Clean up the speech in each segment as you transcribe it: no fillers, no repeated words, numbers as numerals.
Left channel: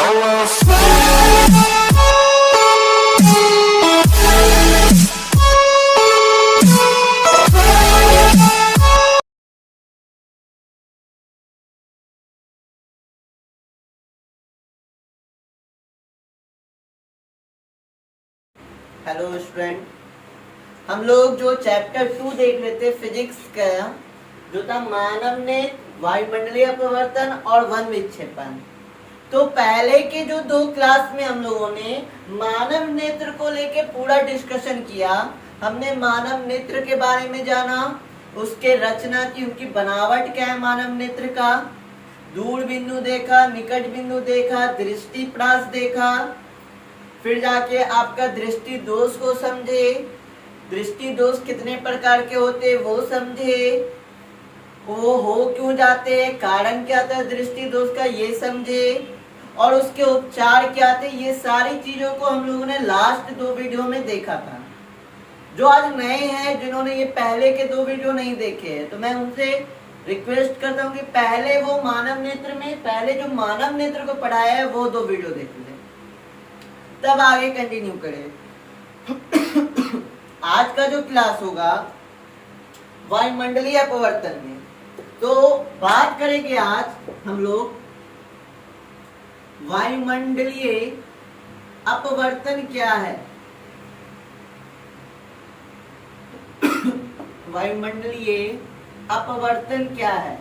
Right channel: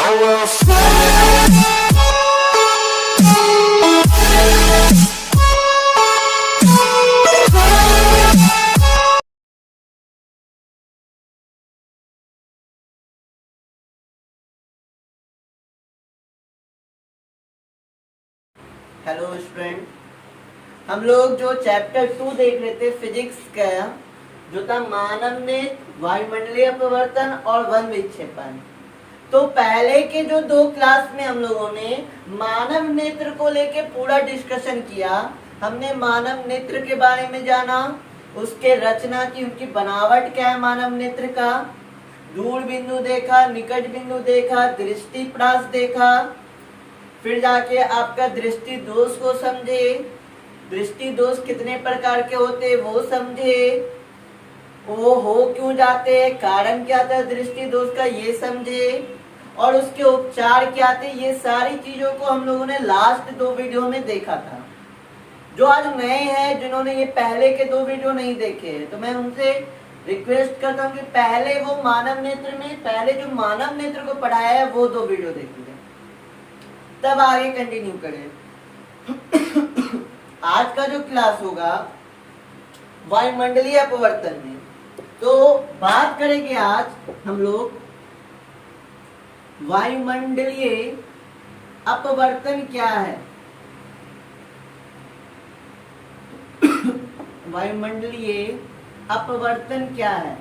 Hello student, हम लोग जो चैप्टर 2 देख रहे थे फिजिक्स का, जो था मानव ने वायुमंडलीय अपवर्तन और वन विक्षेपन। तो पहले के जो 2 क्लास में हम लोगों ने मानव नेत्र को लेके पूरा डिस्कशन किया। हमने मानव नेत्र के बारे में जाना, उसके रचना की, उनकी बनावट क्या है मानव नेत्र का, दूर बिंदु देखा, निकट बिंदु देखा, दृष्टि प्रास देखा, फिर जाके आपका दृष्टि दोष को समझे, दृष्टि दोष कितने प्रकार के होते वो समझे, वो हो क्यों जाते, कारण क्या था दृष्टि दोष का ये समझे, और उसके उपचार क्या थे। ये सारी चीजों को हम लोगों ने लास्ट 2 वीडियो में देखा था। जो आज नए हैं, जिन्होंने ये पहले के 2 वीडियो नहीं देखे हैं, तो मैं उनसे रिक्वेस्ट करता हूँ कि पहले वो मानव नेत्र में, पहले जो मानव नेत्र को पढ़ाया है वो 2 वीडियो देख लें, तब आगे कंटिन्यू करें। आज का जो क्लास होगा वायुमंडलीय अपवर्तन में, तो बात करेंगे आज हम लोग वायुमंडलीय अपवर्तन क्या है। वायुमंडलीय अपवर्तन क्या है,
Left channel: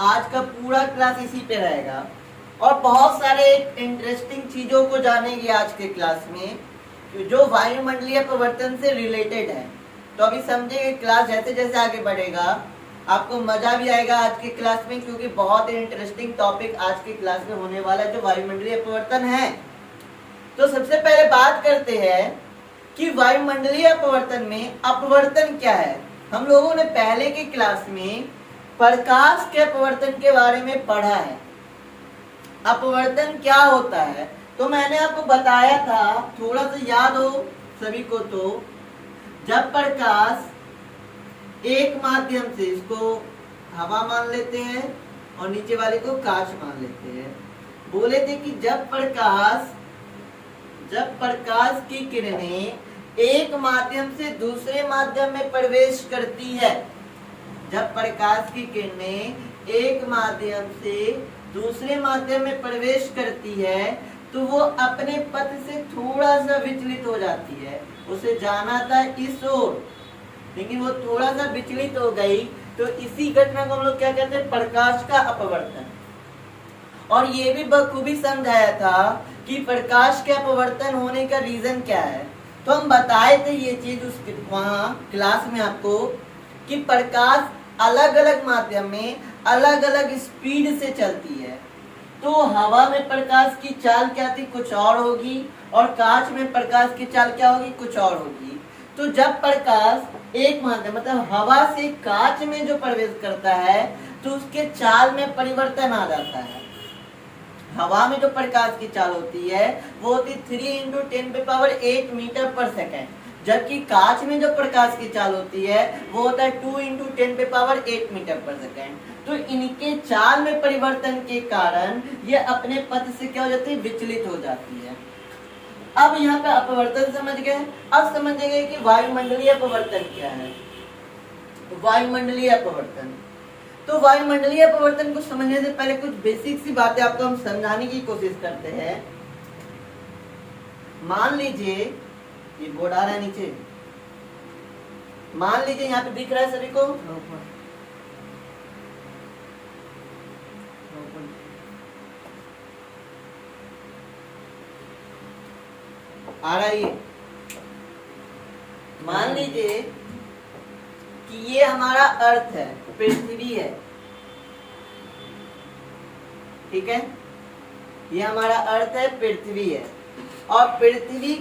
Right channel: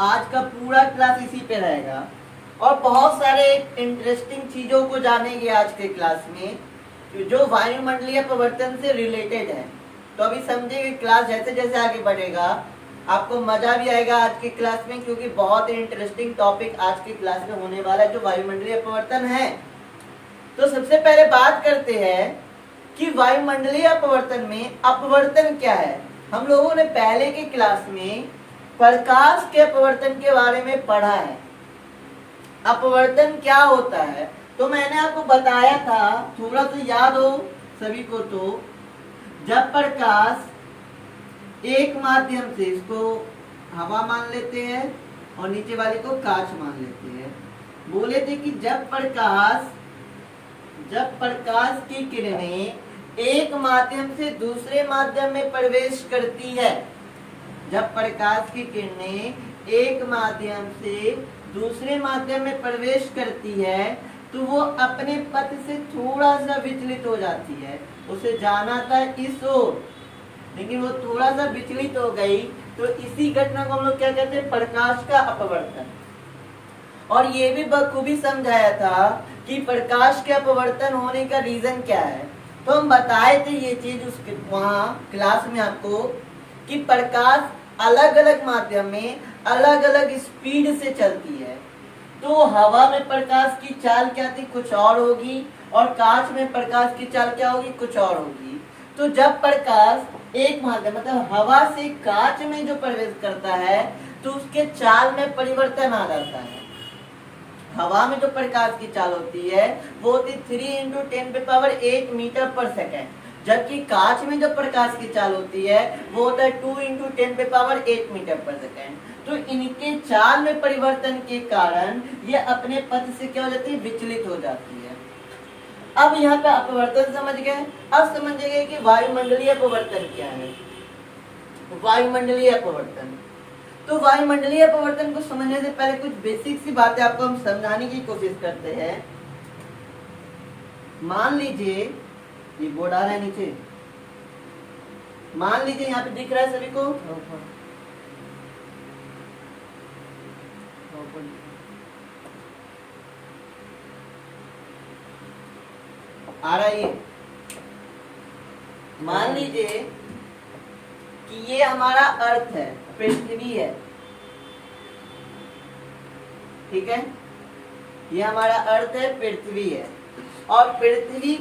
आज का पूरा क्लास इसी पे रहेगा और बहुत सारे इंटरेस्टिंग चीजों को जानेंगे आज के क्लास में, जो वायुमंडलीय अपवर्तन से रिलेटेड है। तो अभी समझेंगे, क्लास जैसे जैसे आगे बढ़ेगा आपको मजा भी आएगा आज की क्लास में, क्योंकि बहुत इंटरेस्टिंग टॉपिक आज की क्लास में होने वाला है जो वायुमंडलीय अपवर्तन है। तो सबसे पहले बात करते हैं कि वायुमंडलीय अपवर्तन में अपवर्तन क्या है। हम लोगों ने पहले के क्लास में प्रकाश के अपवर्तन के बारे में पढ़ा है। अपवर्तन क्या होता है तो मैंने आपको बताया था, थोड़ा सा याद हो सभी को, तो जब प्रकाश एक माध्यम से, इसको हवा मान लेते हैं और नीचे वाले को कांच मान लेते हैं, बोले थे कि जब प्रकाश की किरणें एक माध्यम से दूसरे माध्यम में प्रवेश करती है, जब प्रकाश की किरणें एक माध्यम से दूसरे माध्यम में प्रवेश करती है तो वो अपने पथ से थोड़ा सा विचलित हो जाती है। उसे जाना था इस ओर, लेकिन वो थोड़ा सा विचलित हो गई, तो इसी घटना को हम लोग क्या कहते हैं, प्रकाश का अपवर्तन। और ये भी बखूबी समझाया था कि प्रकाश के अपवर्तन होने का रीजन क्या है। तो हम बताए थे ये चीज उस वहां क्लास में आपको, कि प्रकाश अलग अलग माध्यम में अलग अलग स्पीड से चलती है। तो हवा में प्रकाश की चाल क्या थी, कुछ और होगी, और कांच में प्रकाश की चाल क्या होगी, कुछ और होगी। तो जब प्रकाश एक माध्यम मतलब हवा से कांच में जो प्रवेश करता है तो उसके चाल में परिवर्तन आ जाता है। हवा में जो प्रकाश की चाल होती है वो होती 3 × 10⁸ मीटर पर सेकेंड, जबकि कांच में जो प्रकाश की चाल होती है वो होता है 2 × 10⁸ मीटर पर सेकेंड। तो इनके चाल में परिवर्तन के कारण ये अपने पथ से क्या हो जाती है, विचलित हो जाती है। अब यहाँ का अपवर्तन समझ गए। अब समझेंगे कि वायुमंडलीय अपवर्तन क्या है। वायुमंडलीय अपवर्तन, तो वायुमंडलीय अपवर्तन को समझने से पहले कुछ बेसिक सी बातें आपको हम समझाने की कोशिश करते हैं। मान लीजिए ये बोर्ड आ रहा है नीचे, मान लीजिए यहाँ पे दिख रहा है सभी को, आ रहा है ये। मान लीजिए कि ये हमारा अर्थ है, पृथ्वी है, ठीक है, ये हमारा अर्थ है, पृथ्वी है, और पृथ्वी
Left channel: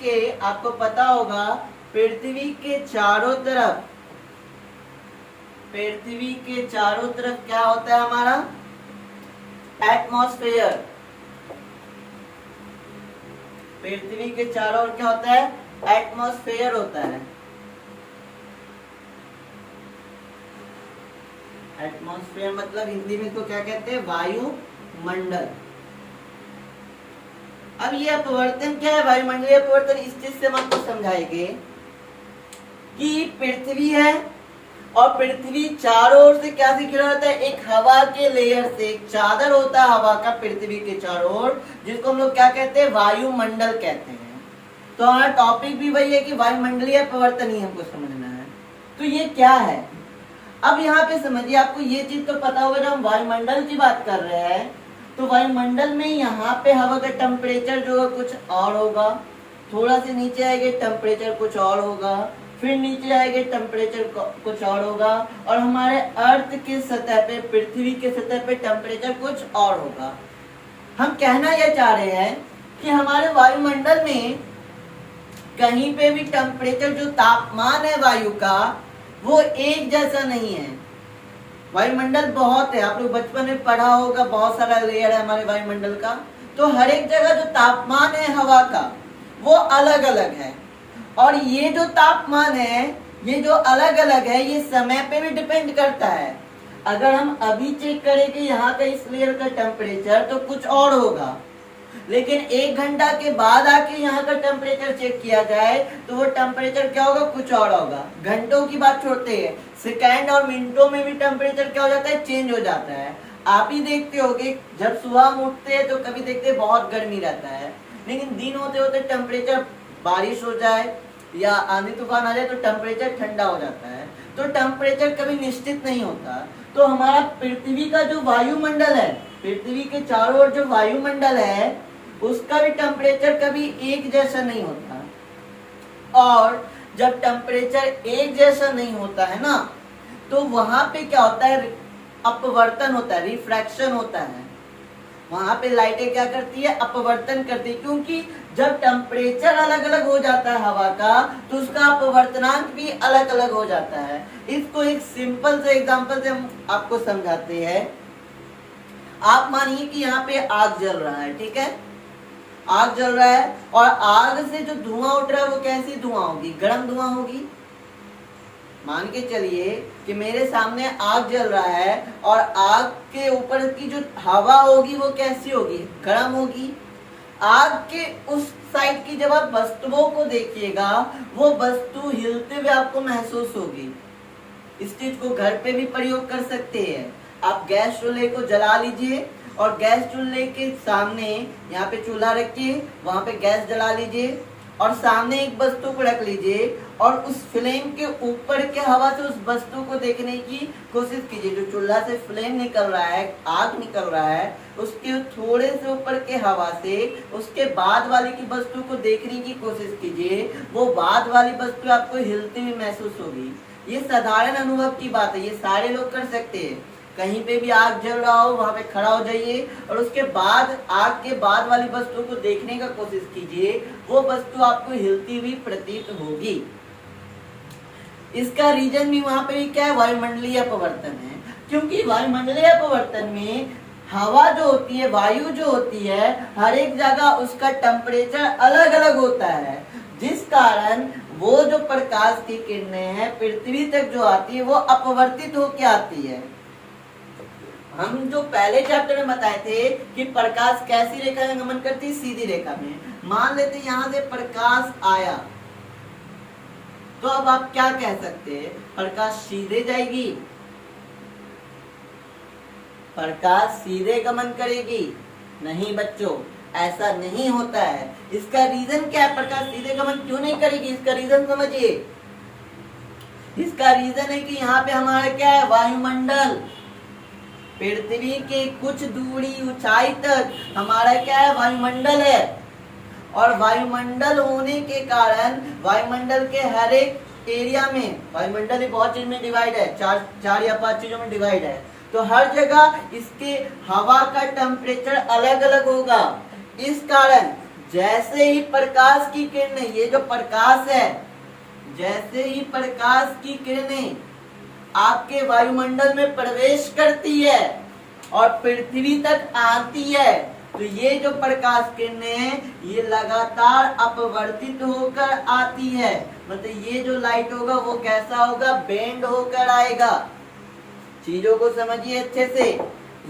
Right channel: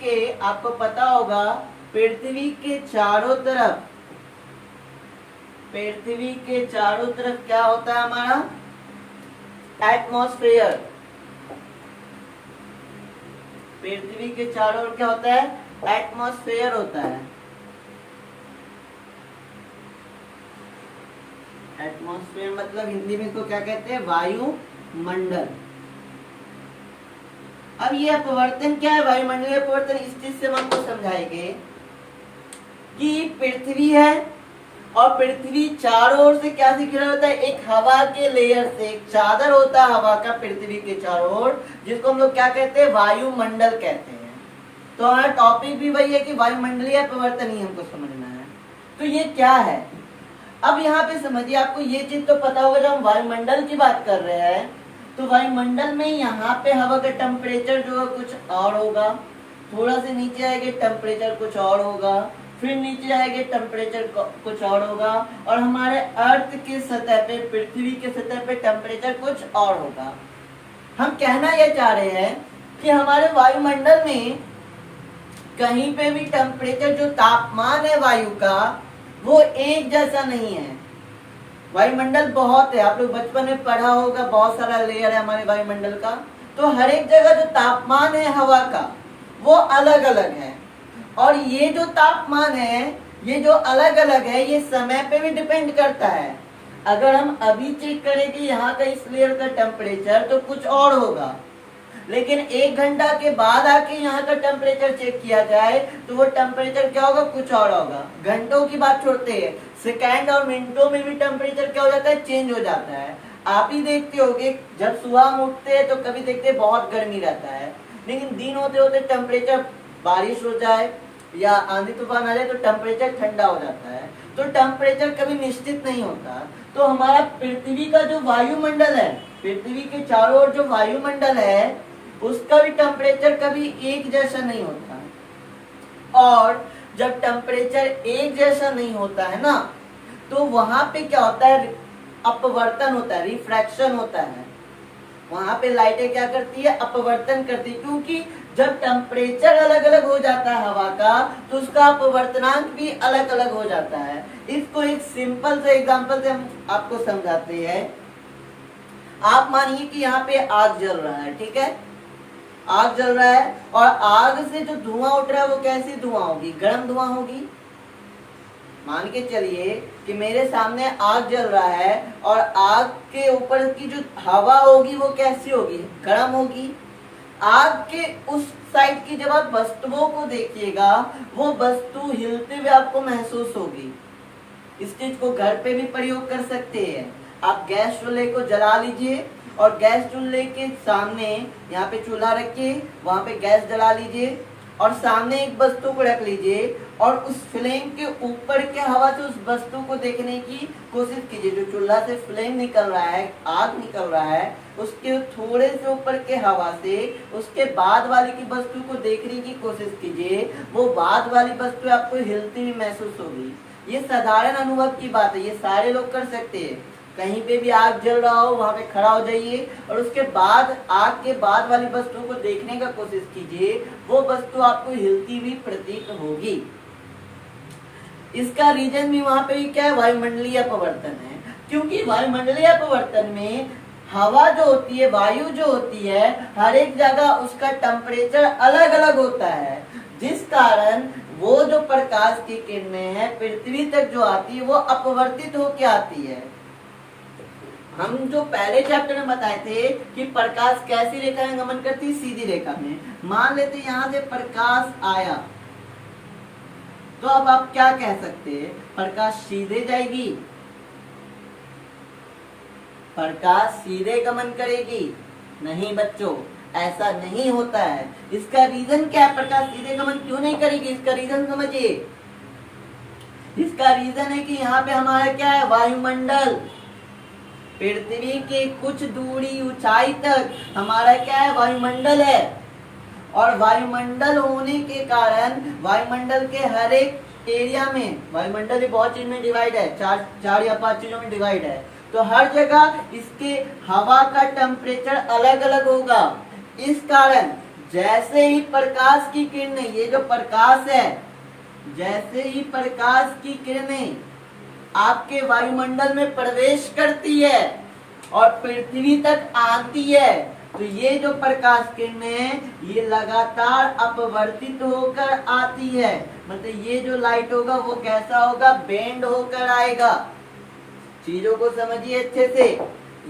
के आपको पता होगा, पृथ्वी के चारों तरफ क्या होता है हमारा, एटमॉस्फेयर। पृथ्वी के चारों ओर क्या होता है, एटमॉस्फेयर होता है। एटमॉस्फेयर मतलब हिंदी में इसको क्या कहते हैं, वायुमंडल। अब ये अपवर्तन क्या है, वायुमंडलीय अपवर्तन, इस चीज से हम आपको समझाएंगे कि पृथ्वी है और पृथ्वी चारों ओर से क्या से घिरा होता है, एक हवा के लेयर से, एक चादर होता है हवा का पृथ्वी के चारों ओर, जिसको हम लोग क्या कहते हैं, वायुमंडल कहते हैं। तो हमारा टॉपिक भी वही है कि वायुमंडलीय अपवर्तन ही हमको समझना है। तो ये क्या है, अब यहाँ पे समझिए, आपको ये चीज तो पता होगा, जब हम वायुमंडल की बात कर रहे हैं तो वायुमंडल में यहाँ पे हवा का टेम्परेचर जो है कुछ और होगा, थोड़ा से नीचे आएंगे टेम्परेचर कुछ और होगा, फिर नीचे आएंगे टेम्परेचर कुछ और होगा, और हमारे अर्थ की सतह पे, पृथ्वी के सतह पे टेम्परेचर कुछ और होगा। हम कहना यह चाह रहे हैं कि हमारे वायुमंडल में कहीं पे भी टेम्परेचर, जो तापमान है वायु का, वो एक जैसा नहीं है। वायुमंडल बहुत है, आप लोग बचपन में पढ़ा होगा, बहुत सारा लेयर है हमारे वायुमंडल का। तो हर एक जगह जो तापमान है हवा का वो अलग अलग है, और ये जो तापमान है, ये जो अलग अलग है, ये समय पे भी डिपेंड करता है। अगर हम अभी चेक करें कि यहाँ का इस लेयर का टेम्परेचर तो कुछ और होगा, लेकिन 1 घंटा के बाद आके यहाँ का टेम्परेचर चेक किया जाए तो वो टेम्परेचर क्या होगा, कुछ और होगा। घंटों की बात छोड़ते हैं, सेकंड और मिनटों में भी टेम्परेचर क्या हो जाता है, चेंज हो जाता है। आप ही देखते होगे, जब सुबह हम उठते हैं तो कभी देखते हैं बहुत गर्मी रहता है, लेकिन दिन होते होते टेम्परेचर, बारिश हो जाए या आंधी तूफान आ जाए तो टेम्परेचर ठंडा हो जाता है। तो टेम्परेचर कभी निश्चित नहीं होता। तो हमारा पृथ्वी का जो वायुमंडल है, पृथ्वी के चारों ओर जो वायुमंडल है, उसका भी टेम्परेचर कभी एक जैसा नहीं होता। और जब टेम्परेचर एक जैसा नहीं होता है ना, तो वहां पे क्या होता है, अपवर्तन होता है, रिफ्रैक्शन होता है। वहां पे लाइटें क्या करती है, अपवर्तन करती है, क्योंकि जब टेम्परेचर अलग अलग हो जाता है हवा का, तो उसका अपवर्तनांक भी अलग अलग हो जाता है। इसको एक सिंपल से एग्जांपल से हम आपको समझाते हैं। आप मानिए कि यहाँ पे आग जल रहा है, ठीक है, आग जल रहा है, और आग से जो धुआं उठ रहा है वो कैसी धुआं होगी, गर्म धुआं होगी। मान के चलिए कि मेरे सामने आग जल रहा है, और आग के ऊपर की जो हवा होगी वो कैसी होगी, गर्म होगी। आग के उस साइड की जब आप वस्तुओं को देखिएगा, वो वस्तु हिलते हुए आपको महसूस होगी। इस चीज को घर पे भी प्रयोग कर सकते हैं। आप गैस चूल्हे को जला लीजिए, और गैस चूल्हे के सामने यहाँ पे चूल्हा रखिए, वहां पे गैस जला लीजिए, और सामने एक वस्तु को रख लीजिए, और उस फ्लेम के ऊपर के हवा से उस वस्तु को देखने की कोशिश कीजिए। जो चूल्हा से फ्लेम निकल रहा है, आग निकल रहा है, उसके थोड़े से ऊपर के हवा से उसके बाद वाली की वस्तु को देखने की कोशिश कीजिए। वो बाद वाली वस्तु आपको हिलती हुई महसूस होगी। ये साधारण अनुभव की बात है, ये सारे लोग कर सकते हैं। कहीं पे भी आग जल रहा हो, वहां पे खड़ा हो जाइए, और उसके बाद आग के बाद वाली वस्तु को देखने का कोशिश कीजिए। वो वस्तु आपको हिलती हुई प्रतीत होगी। इसका रीजन भी वहां पे क्या है, वायुमंडलीय अपवर्तन है। क्योंकि वायुमंडलीय अपवर्तन में हवा जो होती है, वायु जो होती है, हर एक जगह उसका टेम्परेचर अलग अलग होता है, जिस कारण वो जो प्रकाश की किरणें हैं पृथ्वी तक जो आती है वो अपवर्तित होकर आती है। हम जो पहले चैप्टर में बताए थे कि प्रकाश कैसी रेखा में गमन करती है, सीधी रेखा में। मान लेते यहाँ से प्रकाश आया, तो अब आप क्या कह सकते हैं, प्रकाश सीधे जाएगी, प्रकाश सीधे गमन करेगी? नहीं बच्चों, ऐसा नहीं होता है। इसका रीजन क्या है, प्रकाश सीधे गमन क्यों नहीं करेगी, इसका रीजन समझिए। इसका रीजन है कि यहाँ पे हमारा क्या है, वायुमंडल, पृथ्वी के कुछ दूरी ऊंचाई तक हमारा क्या है, वायुमंडल है। और वायुमंडल होने के कारण वायुमंडल के हर एक एरिया में, वायुमंडल ही बहुत चीज में डिवाइड है, चार या 5 चीजों में डिवाइड है, तो हर जगह इसके हवा का टेम्परेचर अलग अलग होगा। इस कारण जैसे ही प्रकाश की किरणें, ये जो प्रकाश है, जैसे ही प्रकाश की किरणें आपके वायुमंडल में प्रवेश करती है और पृथ्वी तक आती है, तो ये जो प्रकाश किरणें हैं ये लगातार अपवर्तित होकर आती है। मतलब ये जो लाइट होगा वो कैसा होगा, बेंड होकर आएगा। चीजों को समझिए अच्छे से।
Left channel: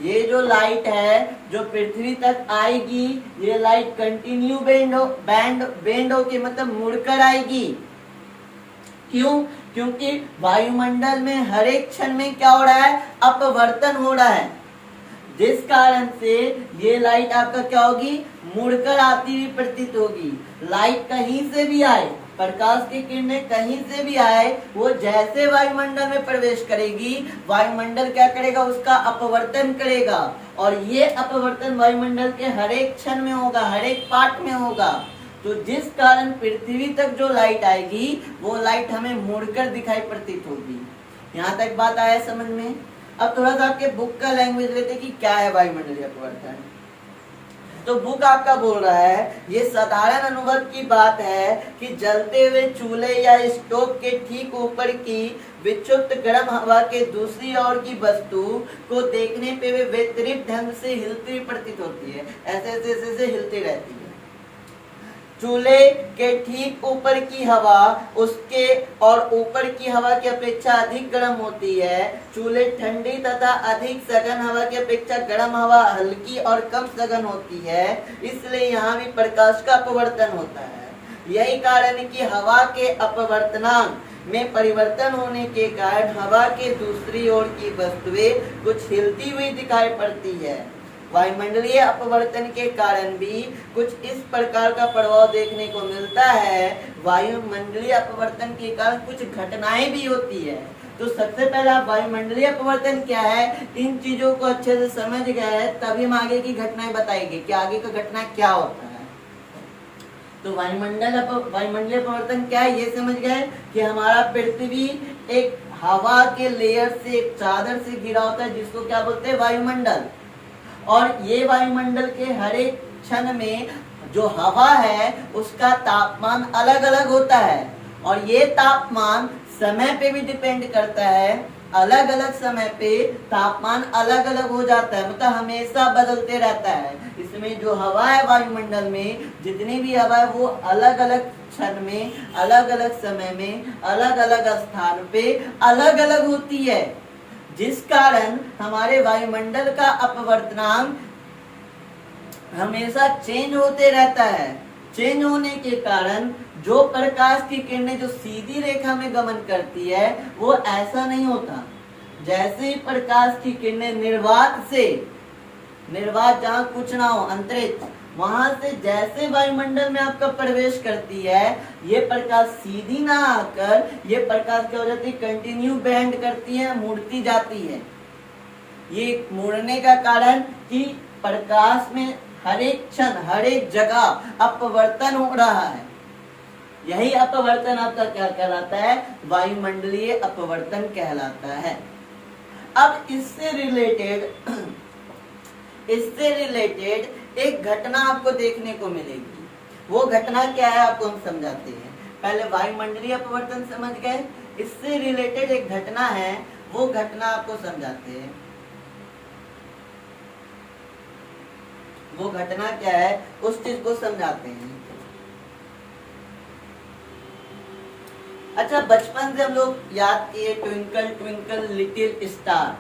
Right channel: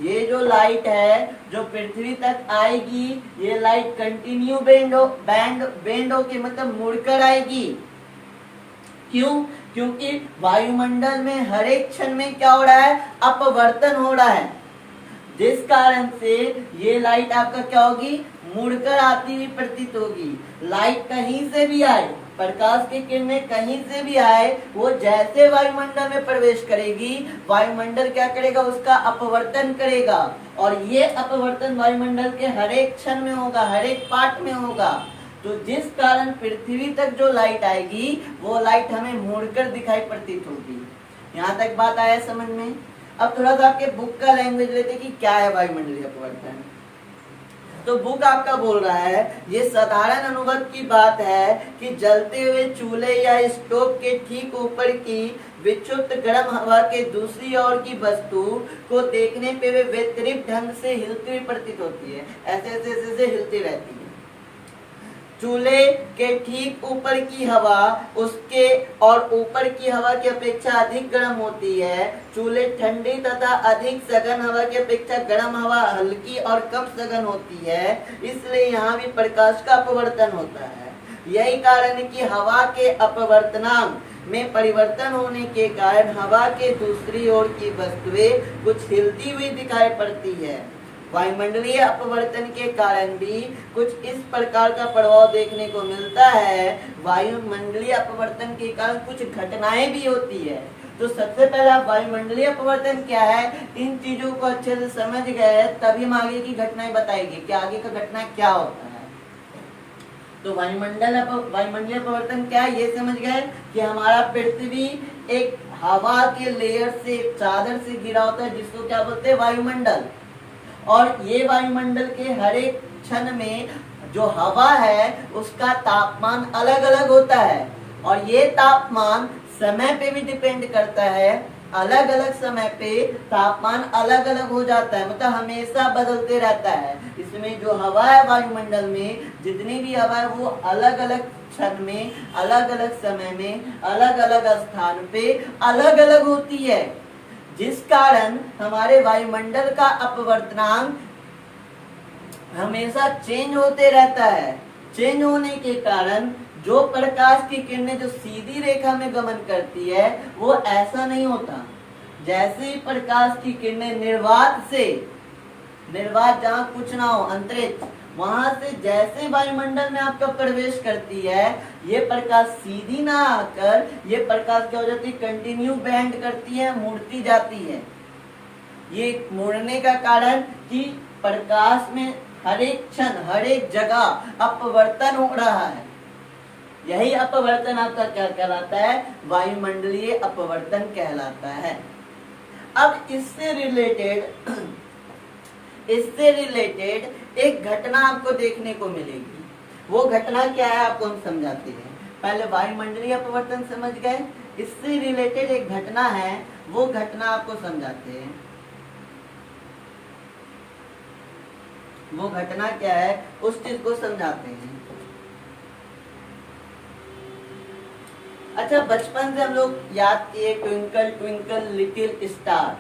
ये जो लाइट है जो पृथ्वी तक आएगी, ये लाइट कंटिन्यू बेंड होके मतलब मुड़कर आएगी। क्यों? क्योंकि वायुमंडल में हर एक क्षण में क्या हो रहा है, अपवर्तन हो रहा है, जिस कारण से ये लाइट आपका क्या होगी, मुड़कर आती हुई प्रतीत होगी। लाइट कहीं से भी आए, प्रकाश की किरणें कहीं से भी आए, वो जैसे वायुमंडल में प्रवेश करेगी, वायुमंडल क्या करेगा, उसका अपवर्तन करेगा। और ये अपवर्तन वायुमंडल के हर एक क्षण में होगा, हर एक पार्ट में होगा। तो जिस कारण पृथ्वी तक जो लाइट आएगी, वो लाइट हमें मुड़कर दिखाई प्रतीत होगी। यहाँ तक बात आया समझ में? अब थोड़ा सा आपके बुक का लैंग्वेज लेते कि क्या है वायुमंडलीय अपवर्तन। तो बुक आपका बोल रहा है, ये साधारण अनुभव की बात है कि जलते हुए चूल्हे या स्टोव के ठीक ऊपर की विक्षुब्ध गर्म हवा के दूसरी ओर की वस्तु को देखने पे वे वितरित ढंग से हिलती हुई प्रतीत होती है। ऐसे ऐसे ऐसे हिलती रहती है। चूल्हे के ठीक ऊपर की हवा उसके और ऊपर की हवा की अपेक्षा अधिक गर्म होती है। चूल्हे ठंडी तथा अधिक सघन हवा की अपेक्षा गर्म हवा हल्की और कम सघन होती है, इसलिए यहाँ भी प्रकाश का अपवर्तन होता है। यही कारण है कि हवा के अपवर्तनांक में परिवर्तन होने के कारण हवा के दूसरी ओर की वस्तुएं कुछ हिलती हुई दिखाई पड़ती है। वायुमंडलीय अपवर्तन के कारण भी कुछ इस प्रकार का प्रभाव देखने को मिलता है। वायुमंडलीय अपवर्तन के कारण कुछ घटनाएं भी होती है। तो सबसे पहले आप वायुमंडलीय अपवर्तन क्या है, इन चीजों को अच्छे से समझ गए, तभी हम आगे की घटनाएं बताएंगे कि आगे का घटना क्या होता है। तो वायुमंडलीय अपवर्तन क्या है, ये समझ गए कि हमारा पृथ्वी एक हवा के लेयर से, एक चादर से घिरा होता है, जिसको क्या बोलते हैं, वायुमंडल। और ये वायुमंडल के हर एक क्षण में जो हवा है उसका तापमान अलग अलग होता है, और ये तापमान समय पे भी डिपेंड करता है। अलग अलग समय पे तापमान अलग अलग हो जाता है, मतलब हमेशा बदलते रहता है। इसमें जो हवा है वायुमंडल में, जितनी भी हवा है वो अलग अलग क्षण में, अलग अलग समय में, अलग अलग स्थान पे अलग अलग होती है, जिस कारण हमारे वायुमंडल का अपवर्तनांक हमेशा चेंज होते रहता है। चेंज होने के कारण जो प्रकाश की किरणें जो सीधी रेखा में गमन करती है, वो ऐसा नहीं होता। जैसे ही प्रकाश की किरणें निर्वात जहाँ कुछ ना हो, अंतरिक्ष, वहां से जैसे वायुमंडल में आपका प्रवेश करती है, ये प्रकाश सीधी ना आकर ये प्रकाश क्या हो जाती है, कंटिन्यू बेंड करती है, मुड़ती जाती है। ये मुड़ने का कारण कि प्रकाश में हर एक क्षण, हर एक जगह अपवर्तन हो रहा है। यही अपवर्तन आपका क्या कहलाता है, वायुमंडलीय अपवर्तन कहलाता है। अब इससे रिलेटेड एक घटना आपको देखने को मिलेगी। वो घटना क्या है आपको हम समझाते हैं। पहले वायुमंडलीय अपवर्तन समझ गए, इससे रिलेटेड एक घटना है, वो घटना आपको समझाते हैं। वो घटना क्या है उस चीज को समझाते हैं। अच्छा, बचपन से हम लोग याद किए ट्विंकल ट्विंकल लिटिल स्टार,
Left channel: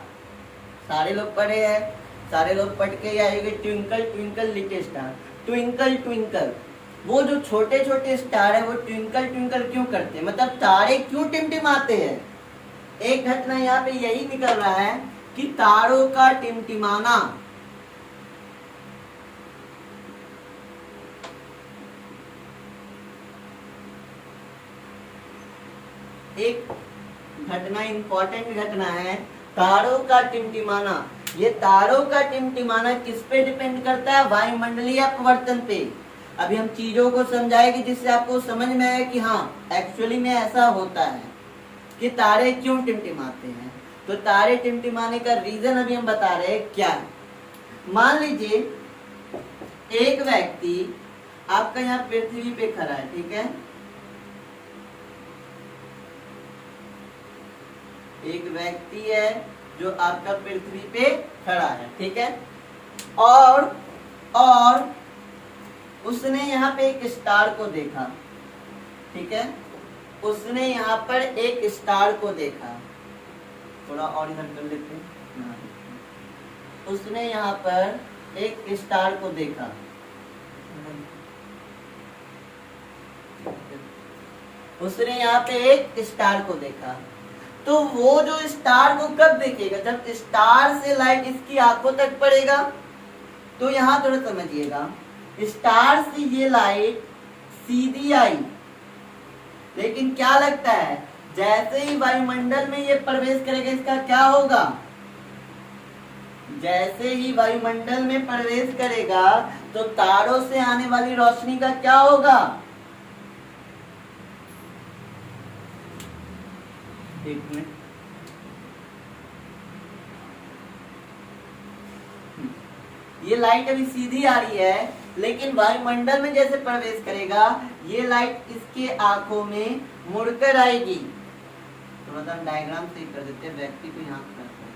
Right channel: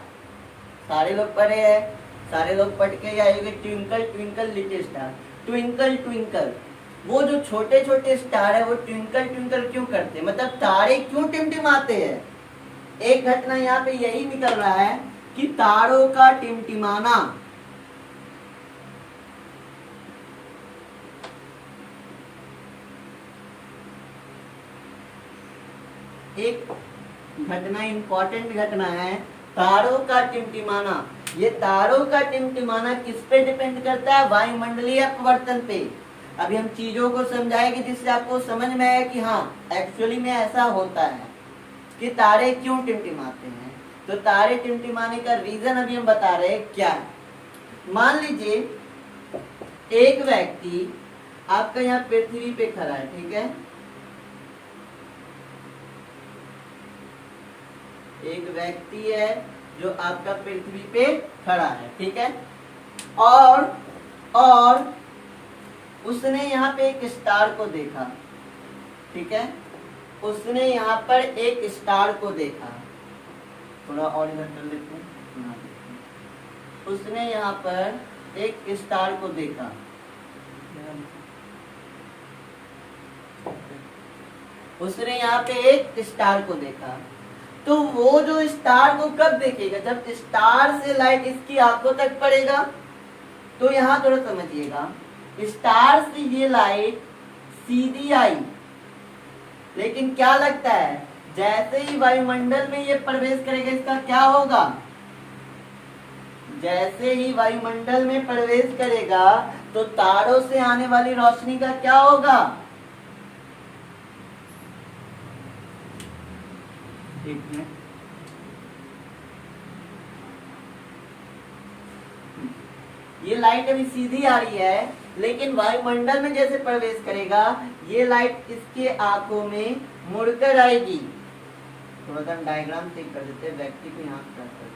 सारे लोग पढ़े हैं, सारे लोग पढ़ के आएंगे twinkle twinkle little star. Twinkle twinkle, वो जो छोटे छोटे स्टार है वो ट्विंकल ट्विंकल क्यों करते हैं, मतलब तारे क्यों टिमटिमाते हैं। एक घटना यहाँ पे यही निकल रहा है कि तारों का टिमटिमाना एक घटना, इंपॉर्टेंट घटना है, तारों का टिमटिमाना। ये तारों का टिमटिमाना किस पे डिपेंड करता है, वायुमंडलीय अपवर्तन पे। अभी हम चीजों को समझाएंगे जिससे आपको समझ में आए कि हाँ एक्चुअली में ऐसा होता है कि तारे क्यों टिमटिमाते हैं। तो तारे टिमटिमाने का रीजन अभी हम बता रहे हैं क्या है। मान लीजिए एक व्यक्ति आपका यहाँ पृथ्वी पे खड़ा है, ठीक है, एक व्यक्ति है जो आपका पृथ्वी पे खड़ा है, ठीक है, और उसने यहाँ पे एक स्टार को देखा, ठीक है, उसने यहाँ पर एक स्टार को देखा। थोड़ा और इधर कर लेते हैं, यहाँ देखते हैं। उसने यहाँ पर एक स्टार को देखा, उसने यहाँ पे एक स्टार को देखा। तो वो जो स्टार को कब देखेगा, जब स्टार से लाइट इसकी आंखों तक पड़ेगा। तो यहाँ थोड़ा समझिएगा, स्टार से ये लाइट सीधी आई, लेकिन क्या लगता है जैसे ही वायुमंडल में ये प्रवेश करेगा इसका क्या होगा, जैसे ही वायुमंडल में प्रवेश करेगा तो तारों से आने वाली रोशनी का क्या होगा। एक मिनट, ये लाइट अभी सीधी आ रही है, लेकिन वायुमंडल में जैसे प्रवेश करेगा ये लाइट इसके आंखों में मुड़कर आएगी। थोड़ा सा डायग्राम से कर देते हैं, व्यक्ति को यहाँ कर देते हैं।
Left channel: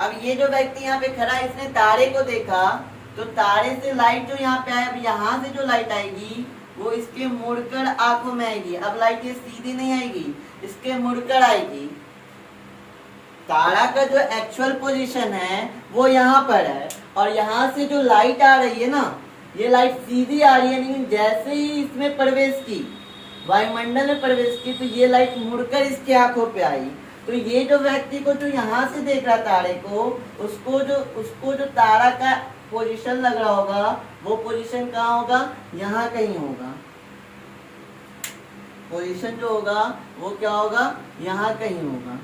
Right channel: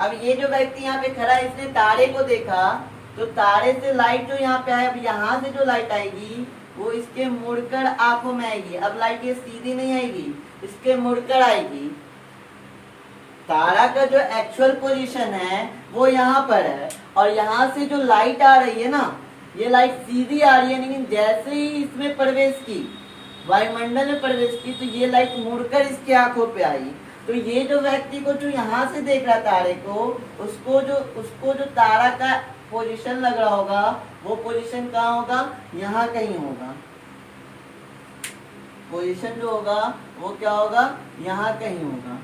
अब ये जो व्यक्ति यहाँ पे खड़ा है इसने तारे को देखा, तो तारे से लाइट जो यहाँ पे आए, अब यहाँ से जो लाइट आएगी वो इसके मुड़कर आंखों में आएगी। अब लाइट ये सीधी नहीं आएगी, इसके मुड़कर आएगी। तारा का जो एक्चुअल पोजीशन है वो यहाँ पर है, और यहाँ से जो लाइट आ रही है ना, ये लाइट सीधी आ रही है, लेकिन जैसे ही इसमें प्रवेश की, वायुमंडल में प्रवेश की, तो ये लाइट मुड़कर इसकी आंखों पे आई। तो ये जो व्यक्ति को जो यहाँ से देख रहा तारे को, उसको जो तारा का पोजीशन लग रहा होगा वो पोजीशन कहाँ होगा, यहाँ कहीं होगा। पोजीशन जो होगा वो क्या होगा, यहाँ कहीं होगा।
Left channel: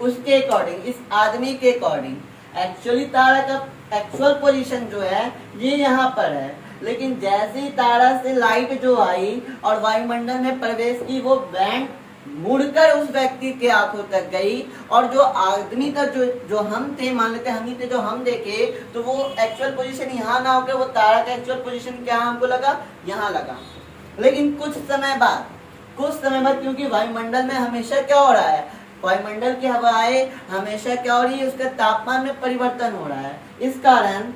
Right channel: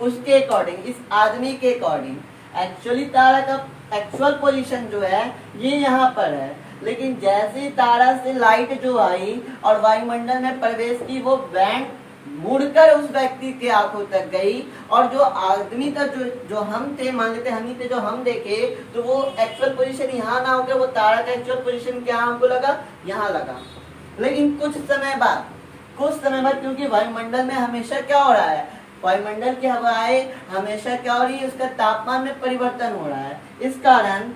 उसके अकॉर्डिंग, इस आदमी के अकॉर्डिंग एक्चुअली तारा का एक्चुअल पोजीशन जो है ये यहाँ पर है, लेकिन जैसे ही तारा से लाइट जो आई और वायुमंडल में प्रवेश की, वो बैंड मुड़कर उस व्यक्ति के आंखों तक गई, और जो आदमी तक जो हम थे, मान लेते हम ही थे, जो हम देखे, तो वो एक्चुअल पोजीशन यहाँ ना होकर वो तारा का एक्चुअल पोजीशन क्या हमको लगा, यहाँ लगा। लेकिन कुछ समय बाद, क्योंकि वायुमंडल में हमेशा क्या हो रहा है, वायुमंडल की हवाएं हमेशा क्या हो रही है, उसका तापमान में परिवर्तन हो रहा है। इस कारण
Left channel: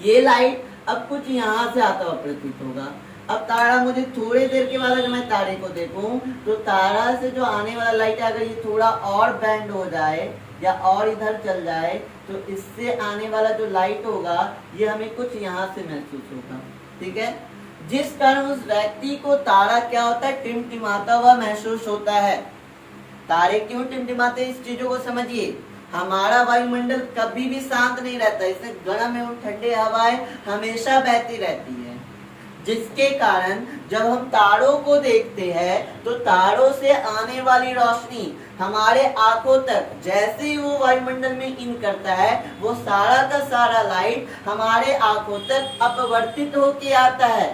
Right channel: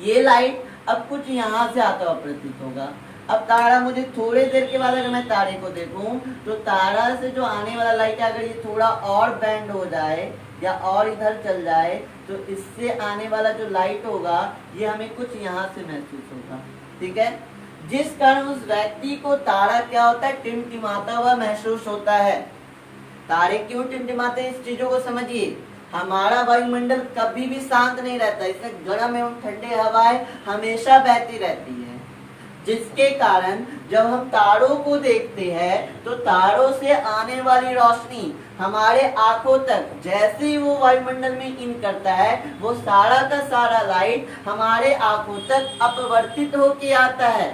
ये लाइट अब कुछ यहाँ से आता हुआ प्रतीत होगा। अब तारा, मुझे थोड़ी देर के बाद अगर मैं तारे को देखूं, तो तारा से जो आने वाला लाइट अगर ये थोड़ा और बैंड हो जाए या और इधर चल जाए, तो इससे आने वाला जो लाइट होगा ये हमें कुछ यहाँ से महसूस होगा। ठीक है, जिस कारण उस व्यक्ति को तारा क्या होता है, टिमटिमाता हुआ महसूस होता है। तारे क्यों टिमटिमाते हैं, इस चीजों को समझिए। हमारा वायुमंडल कभी भी शांत नहीं रहता, इसमें गर्म एवं ठंडे हवाएं हमेशा बहती रहती है, जिसके कारण जब हम तारों को देखते हैं तो तारों से आने वाली रोशनी हमारे आंखों तक जैसे ही वो वायुमंडल में इन करता है, वो सारा का सारा लाइट हमारे आंखों तक अपवर्तित होके आता है।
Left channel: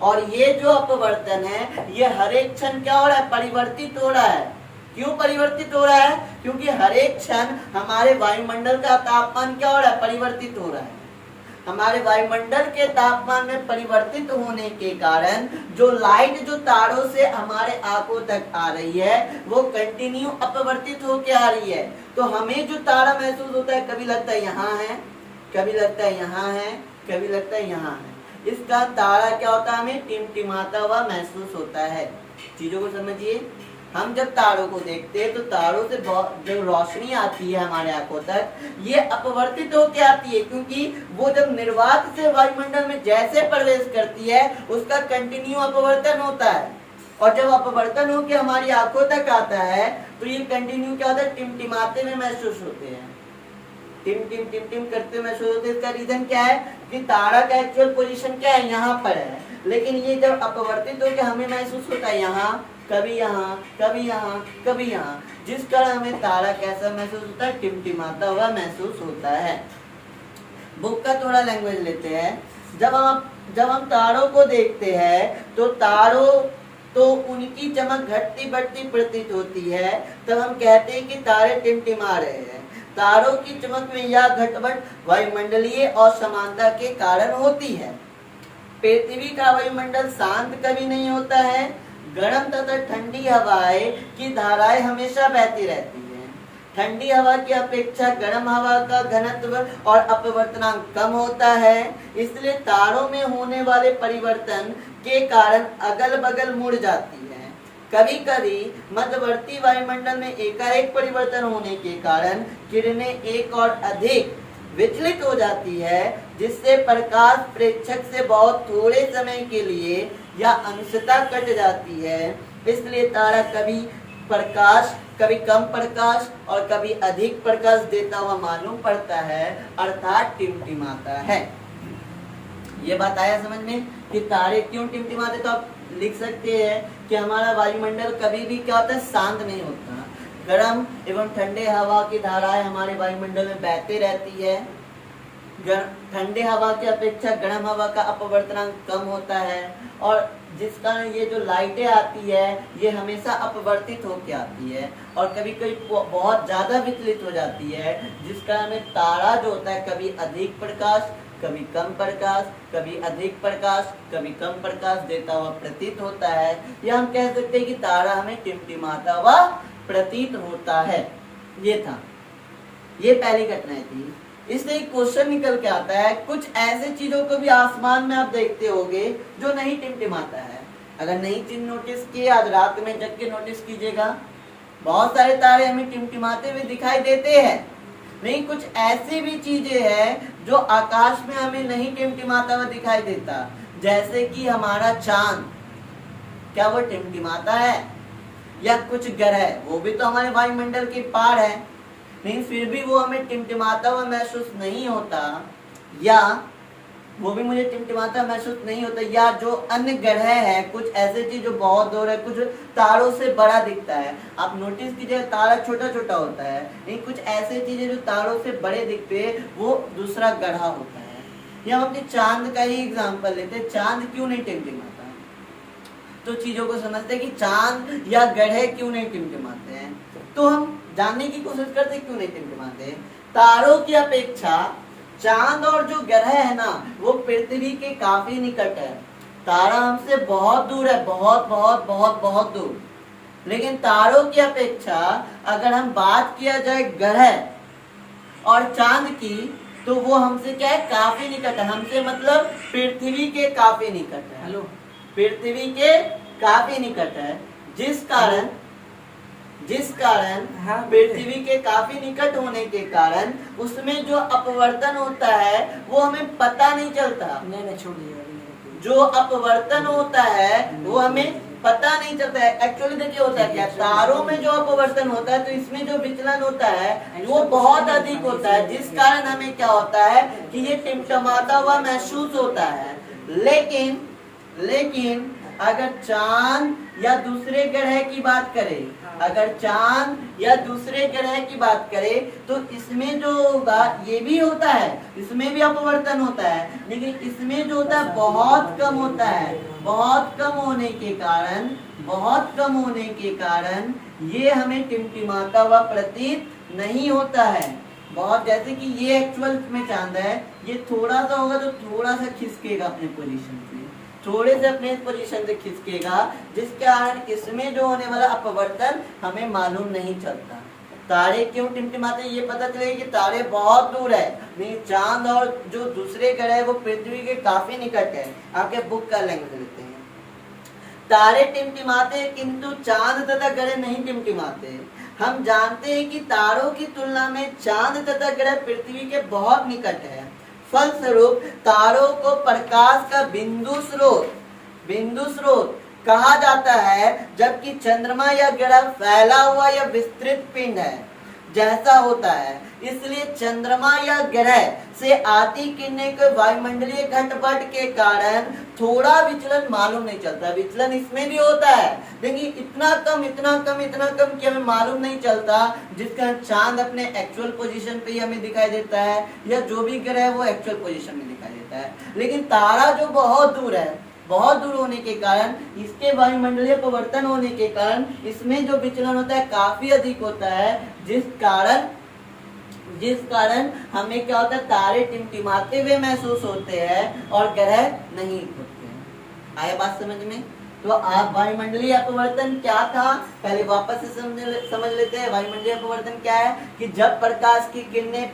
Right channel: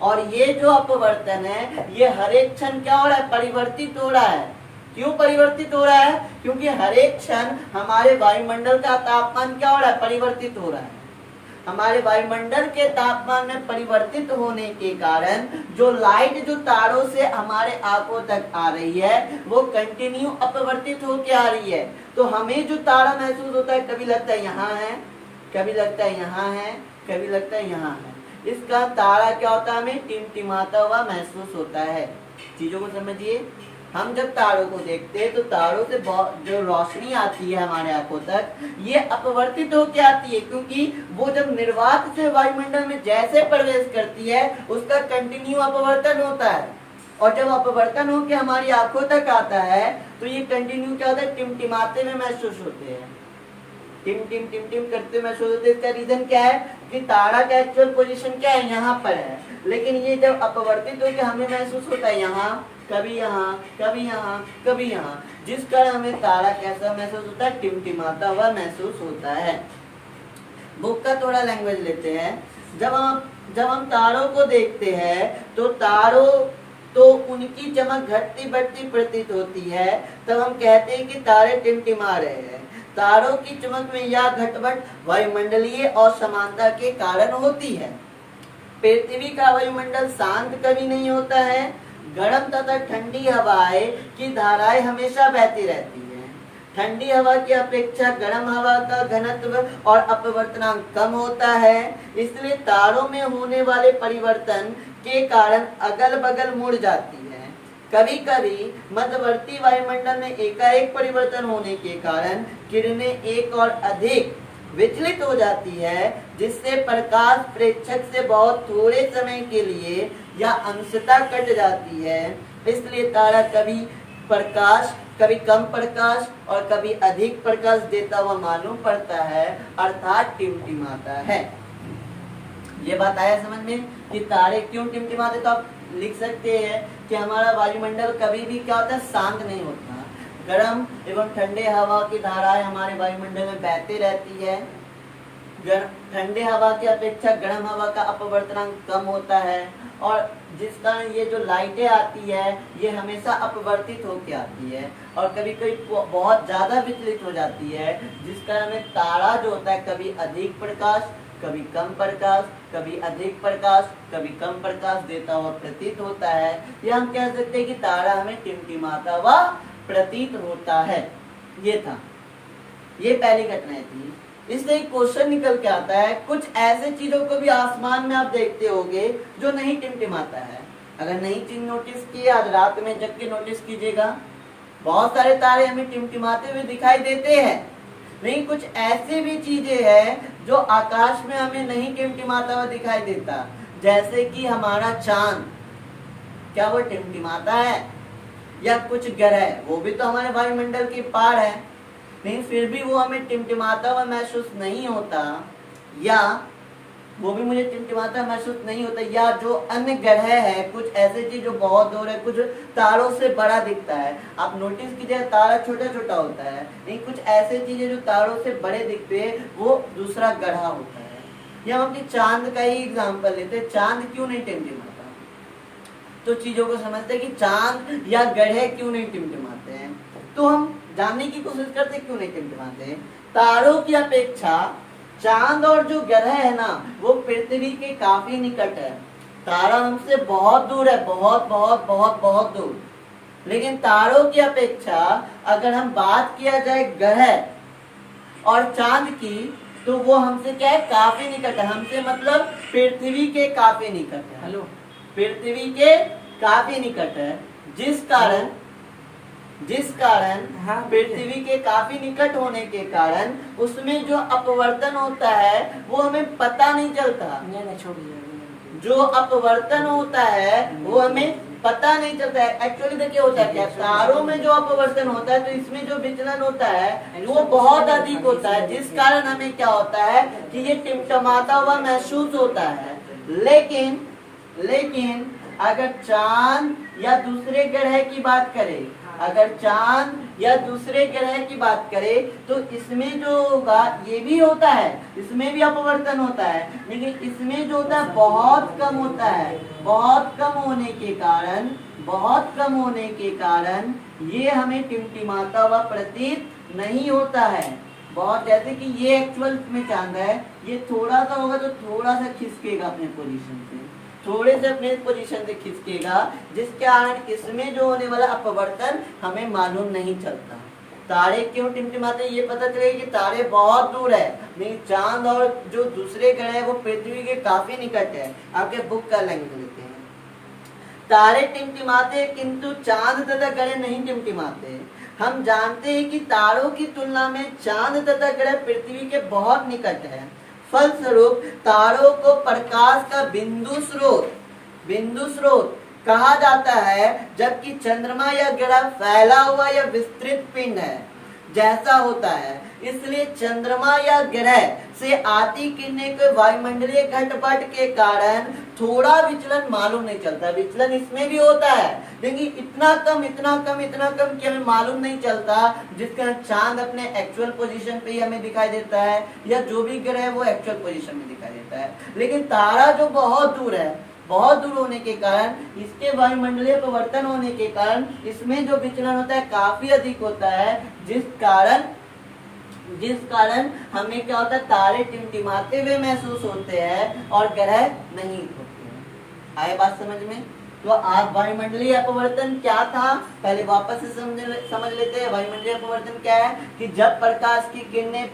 और ये जो अपवर्तन है ये हर एक क्षण क्या हो रहा है, परिवर्तित हो रहा है। क्यों परिवर्तित हो रहा है, क्योंकि हर एक क्षण हमारे वायुमंडल का तापमान क्या हो रहा है, परिवर्तित हो रहा है। हमारे वायुमंडल के तापमान में परिवर्तित होने के कारण जो लाइट जो तारों से हमारे आंखों तक आ रही है वो कंटिन्यू अपवर्तित होके आ रही है। तो हमें जो तारा महसूस होता है, कभी लगता है यहाँ है, कभी लगता है यहाँ है, कभी लगता है यहाँ है। इसका तारा क्या होता है, हमें टिमटिमाता हुआ महसूस होता है। चीजों को समझिए, हम जब तारों को देखते हैं तो तारों से जो रोशनी आती है हमारे आंखों तक, ये अपवर्तित होकर आती है, क्योंकि वो जब निर्वात से वायुमंडल में जैसे प्रवेश करती है उसका कंटिन्यू अपवर्तन होता है, और जब अपवर्तन होकर हमारी आंखों तक आता है तो ये कंटिन्यू क्या होता है, टिमटिमाते में महसूस होते हैं, टिम टिम टिम टिम करते महसूस होते हैं। इसका रीजन क्या है कि तारा का एक्चुअल पोजीशन क्या है, यहाँ पर है, लेकिन ये जब अपवर्तित होकर हमें महसूस होता है यहाँ, कभी यहाँ, कभी यहाँ, कभी यहाँ, जिस कारण हमें तारा कैसा महसूस होता है, टिमटिमाता हुआ महसूस होता है। बुक का थोड़ा लैंग्वेज लेते हैं। जब हम तारों को देखते हैं तो तारों तो उनकी चमक घटती बढ़ती प्रतीत होती है, तब हम कहते हैं कि तारे टिमटिमा रहे हैं। तारों की चमक में यह घटबढ़ वायुमंडलीय असमानता के कारण होती है। पृथ्वी का वायुमंडल शांत कभी नहीं होता है, गर्म तथा ठंडी हवाएं की धाराएं हमेशा बहती रहती है। ठंडी हवा की अपेक्षा गर्म हवा का घनत्व और अपवर्तनांक कम होता है, इसलिए तारों में होने वाले परिवर्तन के कारण अगल बगल मुड़ जाती है। कभी कभी मध्यवर्ती वायुमंडल में एकाएक परिवर्तन होने के कारण किरणें एक और अधिक विचलित हो जाती है, जिससे प्रकाश प्रेक्षक से बहुत थोड़े समय के लिए या अंशतः कट जाती है। इसलिए तारा कभी कम प्रकाश और कभी अधिक प्रकाश देता हुआ मालूम पड़ता है, अर्थात टिमटिमाता है। ये बात आया समझ में कि तारे क्यों टिमटिमाते? तो आप लिख सकते हैं कि हमारा वायुमंडल कभी भी क्या होता है, शांत नहीं होता। गर्म एवं ठंडे हवा की धाराएं हमारे वायुमंडल में बहती रहती है। ठंडे हवा की अपेक्षा गर्म हवा का अपवर्तनांक कम होता है, और जिस कारण ये जो लाइटें आती है ये हमेशा अपवर्तित होकर आती है और कभी कभी बहुत ज्यादा विचलित हो जाती है, जिस कारण में तारा जो होता है कभी अधिक प्रकाश, कभी कम प्रकाश, कभी अधिक प्रकाश, कभी कम प्रकाश देता हुआ प्रतीत होता है। या हम कह सकते हैं कि तारा हमें टिमटिमाता हुआ प्रतीत होता है। ये था, ये पहली घटनाएं थी। इससे एक क्वेश्चन निकल के आता है, कुछ ऐसे चीजों को भी आसमान में आप देखते होंगे जो नहीं टिमटिमाता है। अगर नई चीज नोटिस की, आज रात में जग के नोटिस कीजिएगा, बहुत सारे तारे हमें टिमटिमाते हुए दिखाई देते हैं। नहीं, कुछ ऐसी भी चीजें हैं जो आकाश में हमें नहीं टिमटिमाता हुआ दिखाई देता, जैसे कि हमारा चांद, क्या वो टिमटिमाता है? या कुछ ग्रह, वो भी तो हमारे वायुमंडल के पार है, नहीं फिर भी वो हमें टिमटिमाता हुआ महसूस नहीं होता, या वो भी मुझे टिमटिमाता महसूस नहीं होता। या जो अन्य ग्रह है, कुछ ऐसे चीज जो बहुत दूर है, कुछ तारों से बड़ा दिखता है। आप नोटिस कीजिए, तारा छोटा छोटा होता है, नहीं कुछ ऐसे चीजें जो तारों से बड़े दिखते हैं वो दूसरा ग्रह होता है। या हम अपने चांद का ही एग्जाम्पल लेते हैं, चांद क्यों नहीं टिमटिमाता? तो चीजों को समझते हैं कि चांद या ग्रह क्यों नहीं टिमटिमाते हैं, तो हम जानने की कोशिश करते क्यों नहीं टिमटिमाते। तारों की अपेक्षा चांद और जो ग्रह है ना, वो पृथ्वी के काफी निकट है। तारा हमसे बहुत दूर है, बहुत बहुत बहुत बहुत दूर। लेकिन तारों की अपेक्षा अगर हम बात किया जाए ग्रह और चांद की, तो वो हमसे क्या है, काफी निकट है। हमसे मतलब पृथ्वी के काफी निकट है। हेलो, पृथ्वी के काफी निकट है, जिस कारण पृथ्वी के काफी निकट होने के कारण उसमें जो अपवर्तन होता है वो हमें पता नहीं चलता। नहीं छोड़िए, जो अपवर्तन होता है वो हमें पता नहीं चलता है। एक्चुअली देखिए होता है क्या, तारों में जो अपवर्तन होता है तो इसमें जो विचलन होता है वो बहुत अधिक होता है, जिस कारण हमें क्या होता है कि ये टिमटिमाता हुआ महसूस होता है। लेकिन अगर चांद या दूसरे ग्रह की बात करें, की बात करें तो इसमें जो होगा ये भी होता है, इसमें भी अपवर्तन होता है, लेकिन इसमें जो होता है बहुत कम होता है। बहुत कम होने के कारण ये हमें टिमटिमाता हुआ प्रतीत नहीं होता है। बहुत, जैसे कि ये एक्चुअल में चांद है, ये थोड़ा सा होगा तो थोड़ा सा खिसकेगा अपने पोजीशन से, थोड़े से अपने पोजीशन से खिसकेगा, जिस कारण इसमें जो होने वाला अपवर्तन हमें मालूम नहीं चलता। तारे क्यों टिमटिमाते, ये पता चले कि तारे बहुत दूर है, नहीं चांद और जो दूसरे ग्रह है वो पृथ्वी के काफी निकट है। आपके बुक का लैंग्वेज लेते हैं, तारे टिमटिमाते किंतु चांद तथा ग्रह नहीं टिमटिमाते। हम जानते हैं कि तारों की तुलना में चांद तथा ग्रह पृथ्वी के बहुत निकट है। फलस्वरूप तारों को प्रकाश का बिंदु स्रोत कहा जाता है, जबकि चंद्रमा या ग्रह फैला हुआ या विस्तृत पिंड है जैसा होता है। इसलिए चंद्रमा या ग्रह से आती किरणें के वायुमंडलीय घटपट के कारण थोड़ा विचलन मालूम नहीं चलता। विचलन इसमें भी होता है, लेकिन इतना कम कि हमें मालूम नहीं चलता, जिसका चांद अपने एक्चुअल पोजीशन पे ही हमें दिखाई देता है, या जो भी ग्रह है वो एक्चुअल पोजीशन में दिखाई देता है। लेकिन तारा जो बहुत दूर है, बहुत दूर होने के कारण, इसके वायुमंडलीय परिवर्तन होने के कारण इसमें जो विचलन होता है काफी अधिक होता है, जिस कारण हमें क्या होता है, तारे टिमटिमाते हुए महसूस होते हैं और ग्रह नहीं होते हैं। आया बात समझ में? तो आप वायुमंडलीय अपवर्तन क्या था, पहले वापस से समझ लेते हैं। वायुमंडलीय अपवर्तन क्या है कि जब प्रकाश की किरणें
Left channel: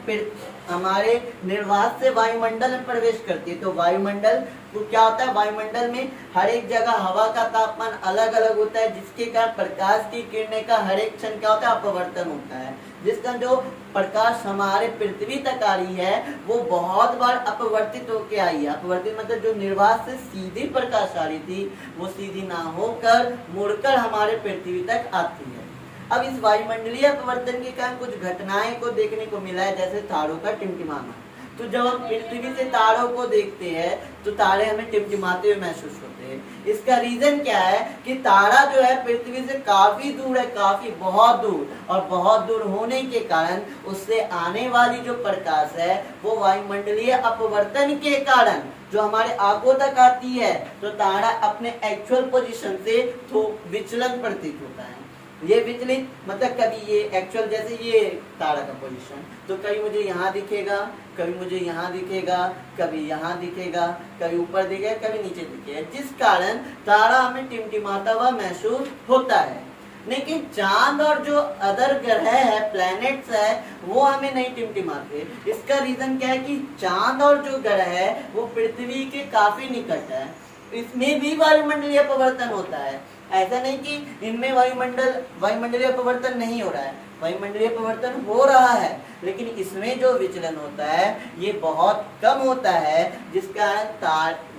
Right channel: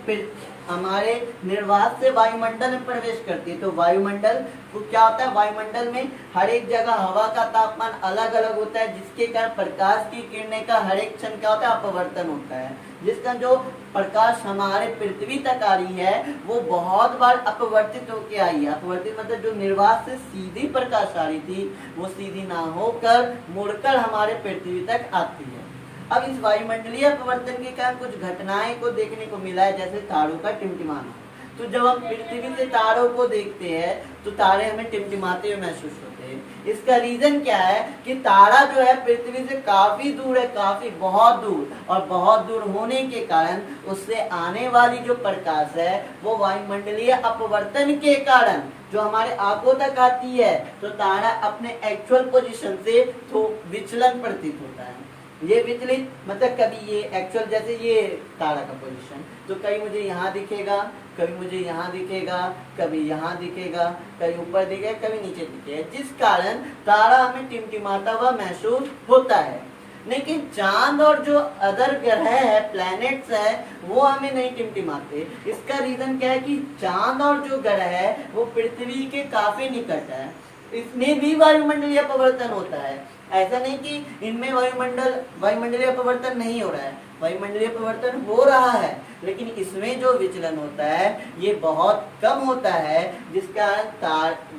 हमारे निर्वात से वायुमंडल में प्रवेश करती है, तो वायुमंडल को क्या होता है, वायुमंडल में हर एक जगह हवा का तापमान अलग अलग होता है, जिसके कारण प्रकाश की किरणें का हर एक क्षण क्या होता है, अपवर्तन होता है। जिसका जो प्रकाश हमारे पृथ्वी तक आ रही है वो बहुत बार अपवर्तित होके आई है। अपवर्तित मतलब जो निर्वात से सीधी प्रकाश आ रही थी वो सीधी ना होकर मुड़कर हमारे पृथ्वी तक आती है। अब इस वायुमंडलीय अपवर्तन के कारण कुछ घटनाएं को देखने को मिला है, जैसे तारों का टिमटिमाना। तो जब हम पृथ्वी से तारों को देखते हैं तो तारे हमें टिमटिमाते हुए महसूस होते हैं। इसका रीजन क्या है कि तारा जो है पृथ्वी से काफी दूर है, काफी बहुत दूर, और बहुत दूर होने के कारण उससे आने वाली जो प्रकाश है वो वायुमंडलीय अपवर्तन के कारण जो हमारे आंखों तक आती है, तो तारा अपने एक्चुअल पोजीशन से तो विचलन प्रतीत होता है। ये विचलित मतलब कभी ये एक्चुअल, जैसे ये तारा का पोजीशन, तो कभी मुझे यहाँ दिखेगा, कभी मुझे यहाँ दिखेगा, कभी यहाँ दिखेगा, कभी ऊपर दिखेगा, कभी नीचे दिखेगा, जिस कारण तारा हमें टिमटिमाता हुआ महसूस होता है। लेकिन चांद और जो अदर ग्रह है, प्लैनेट्स है, वो हमें नहीं टिमटिमाते। इसका रीजन क्या है कि चांद और जो ग्रह है वो पृथ्वी के काफी निकट है, इसमें भी वायुमंडलीय अपवर्तन होता है। ऐसा नहीं कि इनमें वायुमंडलीय अपवर्तन नहीं हो रहा है, वायुमंडलीय अपवर्तन हो रहा है, लेकिन इसमें जो विचलन होता है ये बहुत कम होता है, जिसका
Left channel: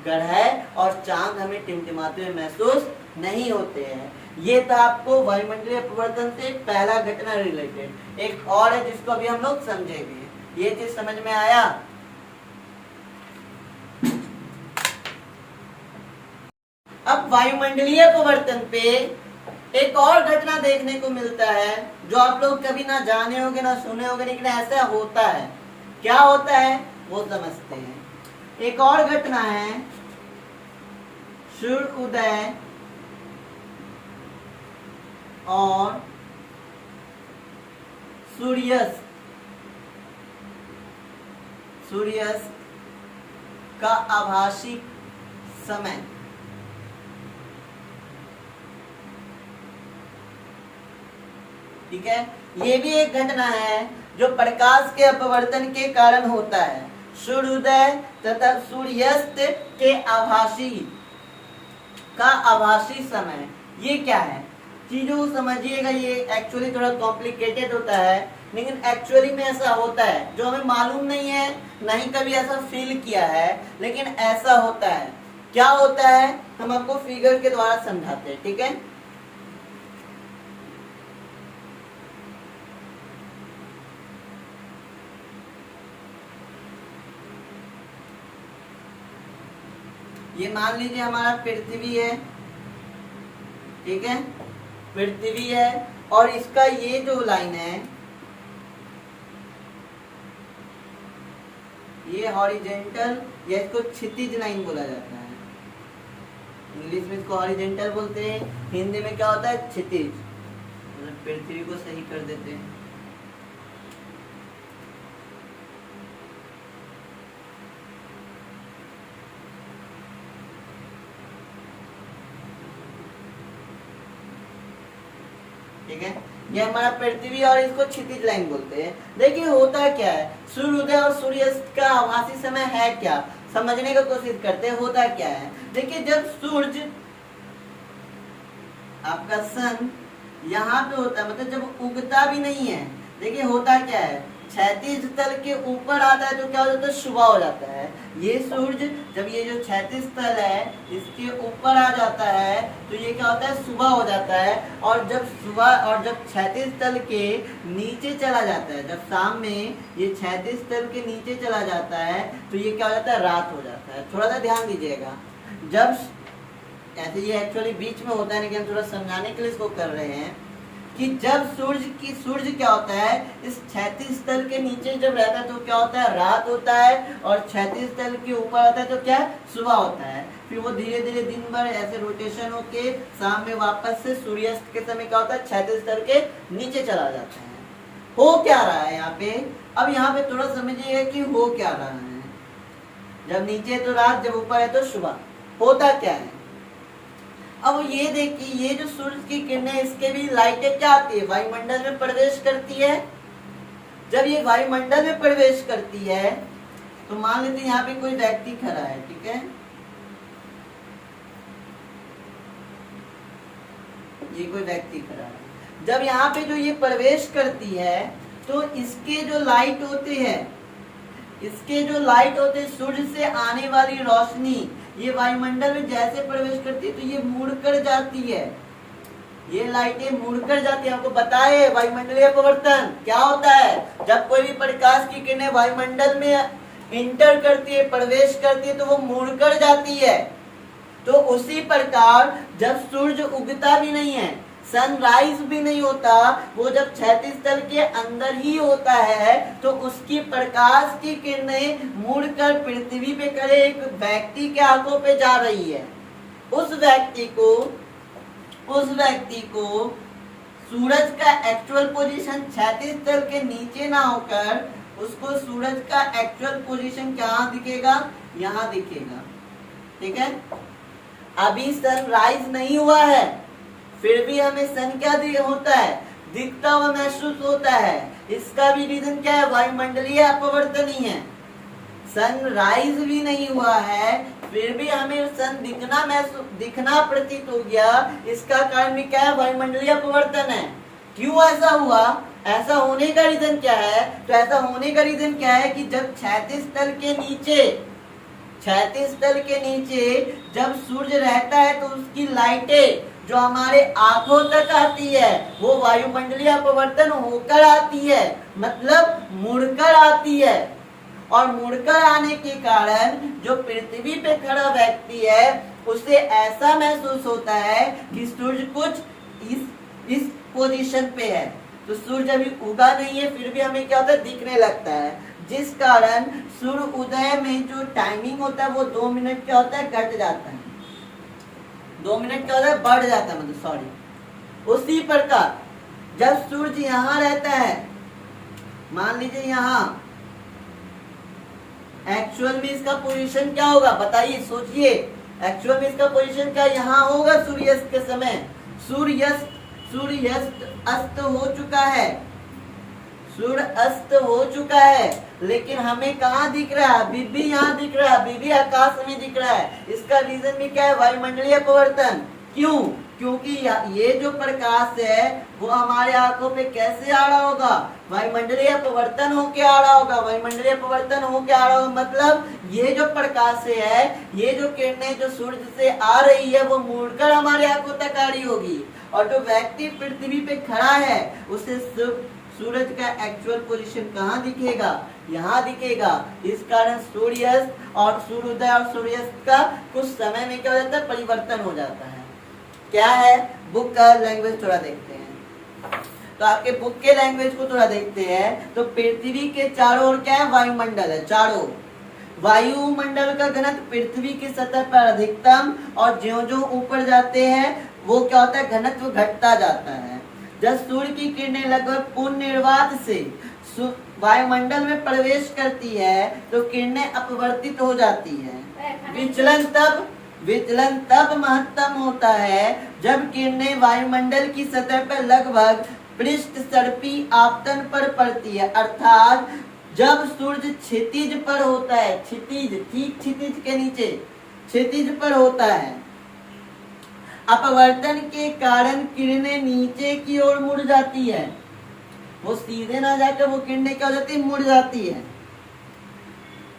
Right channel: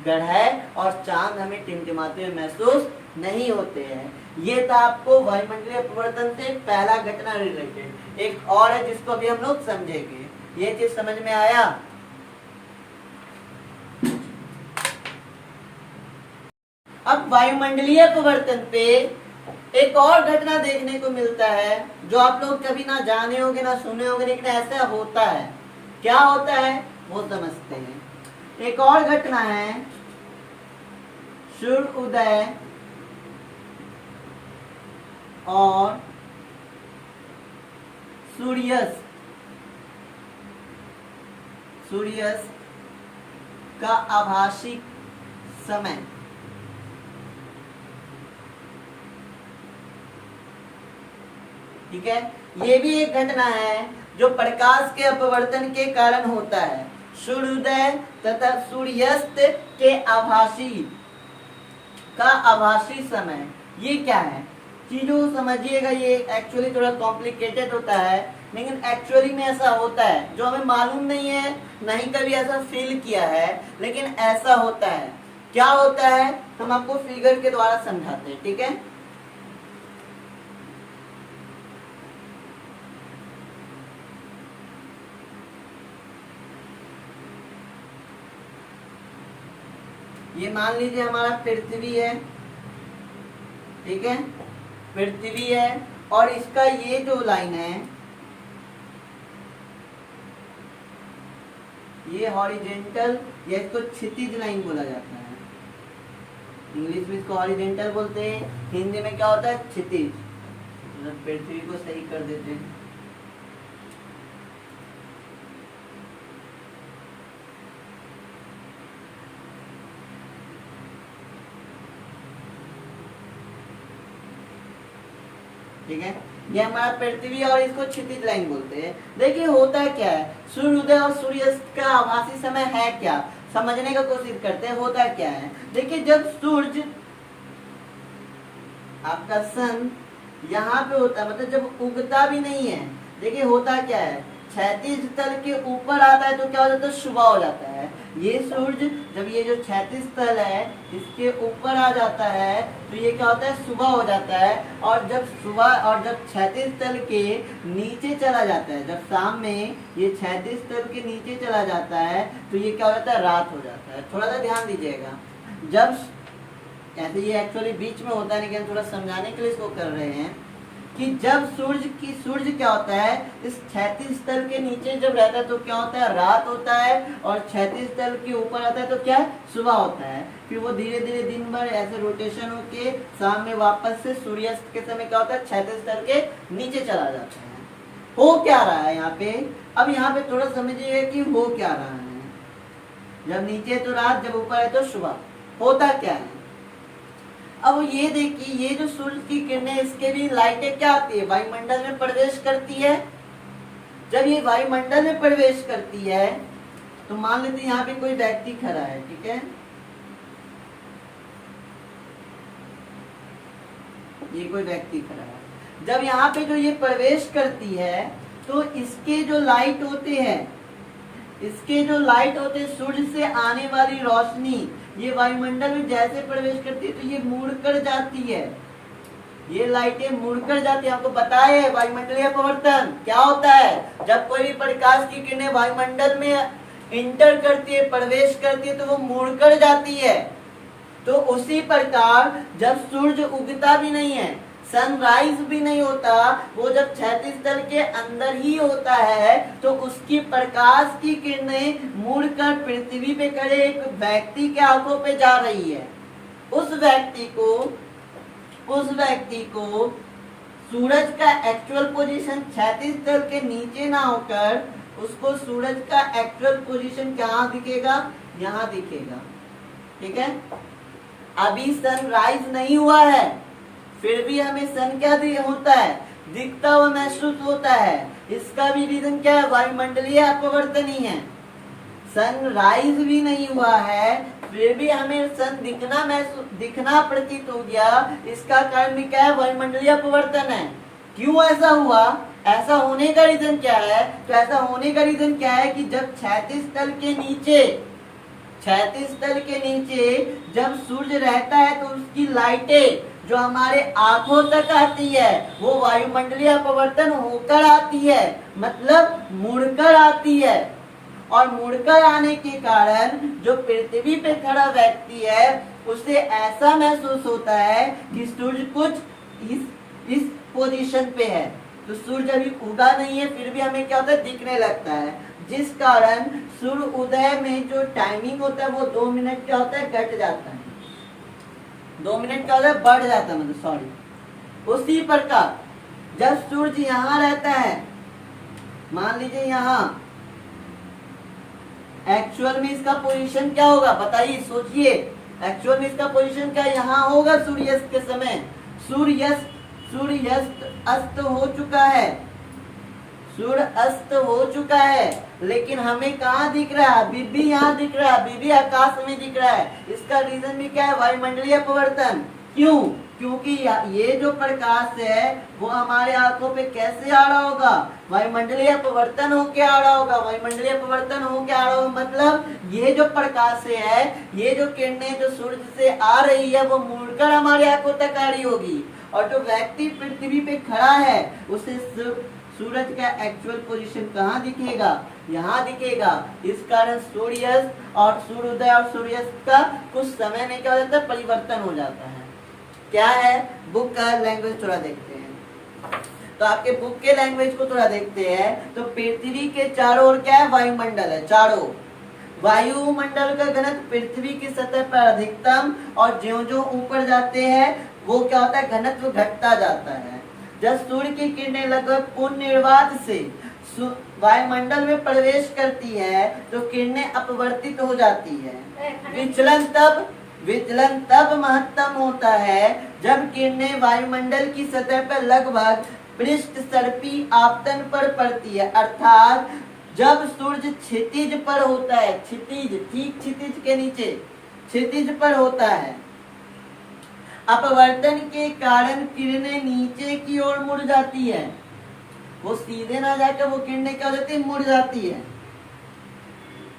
ग्रह और चांद हमें टिमटिमाते हुए महसूस नहीं होते हैं। ये था आपको वायुमंडलीय अपवर्तन से पहला घटना रिलेटेड। एक और है जिसको अभी हम लोग समझेंगे। ये चीज समझ में आया? अब वायुमंडलीय अपवर्तन पे एक और घटना देखने को मिलता है जो आप लोग कभी ना जाने होंगे ना सुने होंगे, लेकिन ऐसा होता है। क्या होता है वो समझते हैं। एक और घटना है सूर्य उदय और सूर्यास्त का आभासी समय। ठीक है, ये भी एक घटना है जो प्रकाश के अपवर्तन के कारण होता है। सूर्योदय तथा सूर्यास्त के आभासी समय, ये क्या है चीजों समझिएगा। ये एक्चुअली थोड़ा कॉम्प्लिकेटेड होता है, लेकिन एक्चुअली में ऐसा होता है जो हमें मालूम नहीं है, नहीं कभी ऐसा फील किया है, लेकिन ऐसा होता है। क्या होता है हम आपको फिगर के द्वारा समझाते हैं। ठीक है, ये मान लीजिए हमारा पृथ्वी है। ठीक है, पृथ्वी है और इसका ये जो लाइन है ये हॉरिजेंटल, या इसको क्षितिज लाइन बोला जाता है। इंग्लिश में इसको हॉरिजेंटल बोलते हैं, हिंदी में क्या होता है क्षितिज। पृथ्वी को सही कर देते हैं। ठीक है, ये हमारा पृथ्वी और इसको क्षितिज लाइन बोलते हैं। देखिए होता क्या है, सूर्योदय और सूर्यास्त का आभासी समय है क्या, समझने का कोशिश करते हैं। होता क्या है, देखिए जब सूर्य आपका सन यहाँ पे होता है, मतलब जब उगता भी नहीं है, देखिए होता क्या है, क्षैतिज तल के ऊपर आता है तो क्या हो जाता है, सुबह हो जाता है। ये सूर्य जब ये जो क्षैतिज तल है इसके ऊपर आ जाता है तो ये क्या होता है, सुबह हो जाता है। और जब क्षैतिज तल के नीचे चला जाता है, जब शाम में ये क्षैतिज तल के नीचे चला जाता है तो ये क्या हो जाता है, रात हो जाता है। थोड़ा सा ध्यान दीजिएगा, जब ऐसे ये एक्चुअली बीच में होता है, लेकिन हम थोड़ा समझाने के लिए इसको कर रहे हैं कि जब सूर्य क्या होता है, इस क्षैतिज तल के नीचे जब रहता है तो क्या होता है, रात होता है, और क्षैतिज तल के ऊपर आता है तो क्या है, सुबह होता है। फिर वो धीरे धीरे दिन भर ऐसे रोटेशन होके शाम में वापस से सूर्यास्त के समय क्या होता है, क्षैतिज तल के नीचे चला जाता है। हो क्या रहा है यहाँ पे, अब यहाँ पे थोड़ा समझिए कि हो क्या रहा है। जब नीचे तो रात, जब ऊपर है तो सुबह। होता क्या है, अब ये देखिए, ये जो सूर्य की किरणें, इसके भी लाइटें क्या आती है, वायुमंडल में प्रवेश करती है। जब ये वायुमंडल में प्रवेश करती है तो मान लेते हैं यहाँ पे कोई व्यक्ति खड़ा है, ठीक है, ये कोई व्यक्ति खड़ा है। जब यहाँ पे जो ये प्रवेश करती है तो इसके जो लाइट होते हैं, इसके जो लाइट होते हैं, सूर्य से आने वाली रोशनी ये वायुमंडल में जैसे प्रवेश करती है तो ये मुड़कर जाती है, ये लाइटें मुड़कर जाती है। आपको पता है वायुमंडलीय अपवर्तन क्या होता है, जब कोई भी प्रकाश की किरणें वायुमंडल में इंटर करती है, प्रवेश करती है, तो वो मुड़कर जाती है। तो उसी प्रकार जब सूर्य उगता भी नहीं है, सनराइज भी नहीं होता, वो जब क्षैतिज तल के अंदर ही होता है, तो उसकी प्रकाश की किरणें मुड़कर पृथ्वी पे खड़े एक व्यक्ति के आंखों पे जा रही है। उस व्यक्ति को सूरज का एक्चुअल पोजीशन क्षैतिज तल के नीचे ना होकर उसको सूरज का एक्चुअल पोजीशन कहाँ दिखेगा, यहाँ दिखेगा, ठीक है। अभी सनराइज नहीं हुआ है, फिर भी हमें सन क्या होता है, दिखता हुआ महसूस होता है। इसका भी रीजन क्या है, वायुमंडलीय अपवर्तन ही है। सनराइज भी नहीं हुआ है, फिर भी हमें सन दिखना प्रतीत हो गया। इसका कारण भी क्या है, वायुमंडलीय अपवर्तन है। क्यों ऐसा हुआ, ऐसा होने का रीजन क्या है, तो ऐसा होने का रीजन क्या है कि जब क्षैतिज तल के नीचे जब सूर्य रहता है तो उसकी लाइटें जो हमारे आंखों तक आती है वो वायुमंडलीय अपवर्तन होकर आती है, मतलब मुड़कर आती है। और मुड़कर आने के कारण जो पृथ्वी पे खड़ा व्यक्ति है उसे ऐसा महसूस होता है कि सूर्य कुछ इस पोजीशन पे है। तो सूर्य अभी उगा नहीं है, फिर भी हमें क्या होता है, दिखने लगता है। जिस कारण सूर्य उदय में जो टाइमिंग होता है वो 2 मिनट क्या होता है, घट जाता है, 2 मिनट क्या होता है, बढ़ जाता है, मतलब सॉरी। उसी प्रकार जब सूर्य यहाँ रहता है, मान लीजिए यहाँ, एक्चुअल में इसका पोजीशन क्या होगा, बताइए, सोचिए। एक्चुअल में इसका पोजीशन क्या यहाँ होगा, सूर्यास्त के समय सूर्यास्त अस्त हो चुका है, सूर्य अस्त हो चुका है, लेकिन हमें कहाँ दिख रहा है, अभी भी यहाँ दिख रहा है, अभी भी आकाश में दिख रहा है। इसका रीजन भी क्या है, वायुमंडलीय अपवर्तन। क्यों, क्योंकि ये जो प्रकाश है वो हमारे आंखों पे कैसे आ रहा होगा, वायुमंडलीय अपवर्तन होके आ रहा होगा। वायुमंडलीय अपवर्तन होके आ रहा होगा मतलब ये जो प्रकाश है, ये जो किरणें जो सूर्य से आ रही है वो मुड़कर हमारे आंखों तक आ रही होगी। और जो व्यक्ति पृथ्वी पे खड़ा है उसे सूरज का एक्चुअल पोजीशन कहाँ दिखेगा, यहाँ दिखेगा। इस कारण सूर्यास्त और सूर्योदय और सूर्यास्त का कुछ समय में क्या हो जाता है, परिवर्तन हो जाता है। क्या है, बुक का लैंग्वेज थोड़ा देखते हैं। तो आपके बुक के लैंग्वेज को थोड़ा देखते हैं। तो पृथ्वी के चारों ओर क्या है, वायुमंडल है, चारों। वायुमंडल का घनत्व पृथ्वी की सतह पर अधिकतम, और ज्यों-ज्यों ऊपर जाते हैं वो क्या होता है, घनत्व घटता जाता है। जब सूर्य की किरणें लगभग पूर्ण निर्वात से वायुमंडल में प्रवेश करती है तो किरणें अपवर्तित हो जाती है। विचलन तब महत्तम होता है जब किरणें वायुमंडल की सतह पर लगभग पृष्ठ सर्पी आपतन पर पड़ती है, अर्थात जब सूर्य क्षितिज पर होता है, क्षितिज, ठीक क्षितिज के नीचे, क्षितिज पर होता है। अपवर्तन के कारण किरणें नीचे की ओर मुड़ जाती है, वो सीधे ना जाकर वो किरणें क्या हो जाती है, मुड़ जाती है।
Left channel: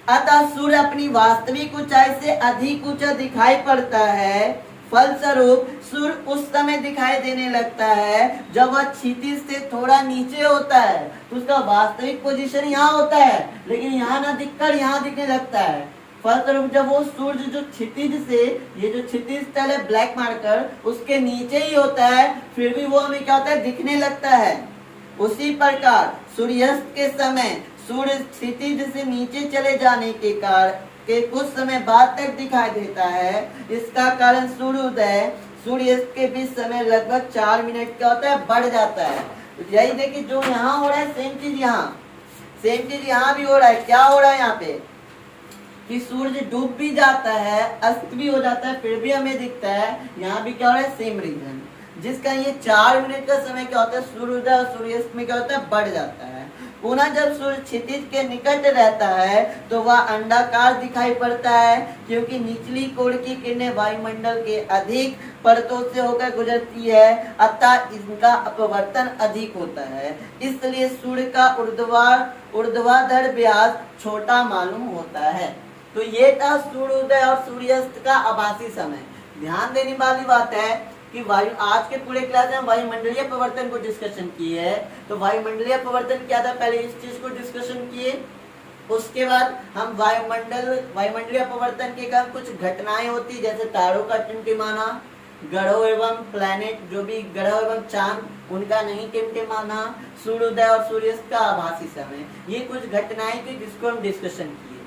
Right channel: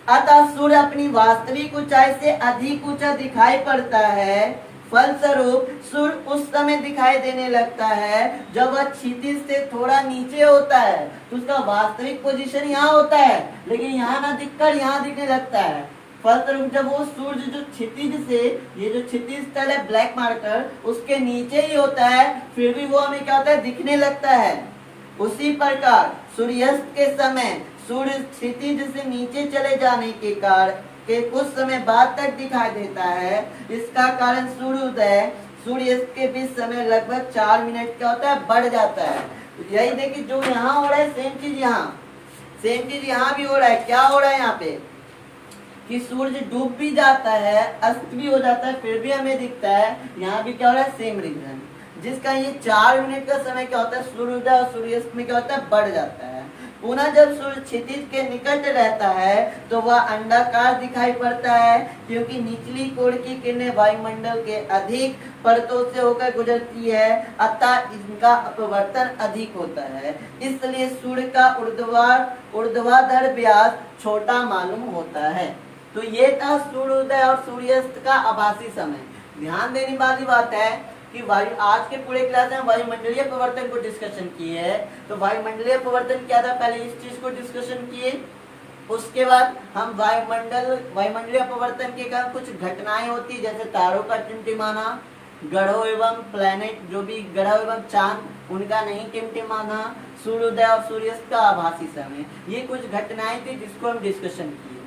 अतः सूर्य अपनी वास्तविक ऊंचाई से अधिक ऊंचा दिखाई पड़ता है। फलस्वरूप सूर्य उस समय दिखाई देने लगता है जब वह क्षितिज से थोड़ा नीचे होता है, तो उसका वास्तविक पोजीशन यहाँ होता है, लेकिन यहाँ ना दिखकर यहाँ दिखने लगता है। फलस्वरूप जब वो सूर्य जो क्षितिज से, ये जो क्षितिज तल है ब्लैक मार्कर, उसके नीचे ही होता है, फिर भी वो हमें क्या होता है, दिखने लगता है। उसी प्रकार सूर्यास्त के समय सूर्य क्षितिज से नीचे चले जाने के कारण के कुछ समय बाद तक दिखाई देता है। इसका कारण सूर्योदय सूर्यास्त के बीच समय लगभग 4 मिनट क्या होता है, बढ़ जाता है। तो यही देखिए, जो यहाँ हो रहा है सेम चीज यहाँ भी हो रहा है। क्या हो रहा है यहाँ पे, कि सूरज डूब भी जाता है, अस्त भी हो जाता है, फिर भी हमें दिखता है। यहाँ भी क्या हो रहा है, सेम रीजन, जिसका ये 4 यूनिट का समय क्या होता है, सूर्योदय और सूर्यास्त में क्या होता है, बढ़ जाता है। पुनः जब सूर्य क्षितिज के निकट रहता है तो वह अंडाकार दिखाई पड़ता है, क्योंकि निचली कोण की किरणें वायुमंडल के अधिक परतों से होकर गुजरती है, अतः इनका अपवर्तन अधिक होता है। इसलिए सूर्य का ऊर्ध्वाधर व्यास छोटा मालूम होता है। तो ये था सूर्योदय और सूर्यास्त का आभासी समय। ध्यान देने वाली बात है कि वायु, आज के पूरे क्लास में वायुमंडलीय परिवर्तन को डिस्कशन किए है। तो वायुमंडलीय परिवर्तन क्या था, पहले इस चीज को डिस्कशन किए, उसके बाद हम वायुमंडलीय परिवर्तन के कारण कुछ घटनाएं होती, जैसे तारों का टिमटिमाना, ग्रहों एवं प्लैनेट, जो भी ग्रह एवं चांद, उनका नहीं टिमटिमाना, सूर्योदय और सूर्यास्त का आभासी समय, ये कुछ घटनाएं थी जिसको हम डिस्कशन किए।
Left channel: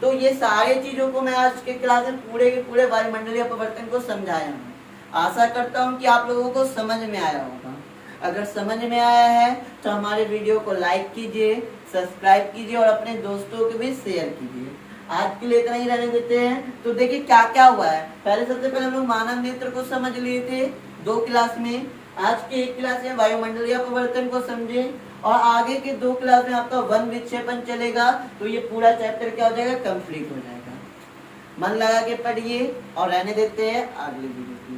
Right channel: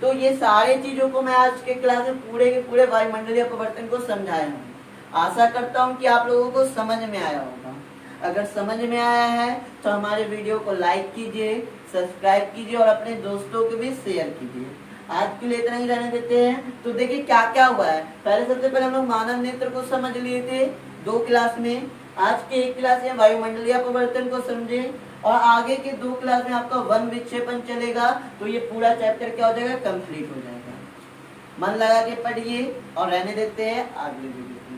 तो ये सारे चीजों को मैं आज के क्लास में पूरे के पूरे वायुमंडलीय परिवर्तन को समझाया हूँ। आशा करता हूँ कि आप लोगों को समझ में आया होगा। अगर समझ में आया है तो हमारे वीडियो को लाइक कीजिए, सब्सक्राइब कीजिए और अपने दोस्तों को भी शेयर कीजिए। आज के लिए इतना ही रहने देते हैं। तो देखिए क्या क्या हुआ है। पहले सबसे पहले हम लोग मानव नेत्र को समझ लिए थे 2 क्लास में। आज के 1 क्लास में वायुमंडलीय परिवर्तन को समझे, और आगे के 2 क्लास में आपका वन विक्षेपण चलेगा। तो ये पूरा चैप्टर क्या हो जाएगा, कंप्लीट हो जाएगा। मन लगा के पढ़िए और रहने देते हैं अगले वीडियो।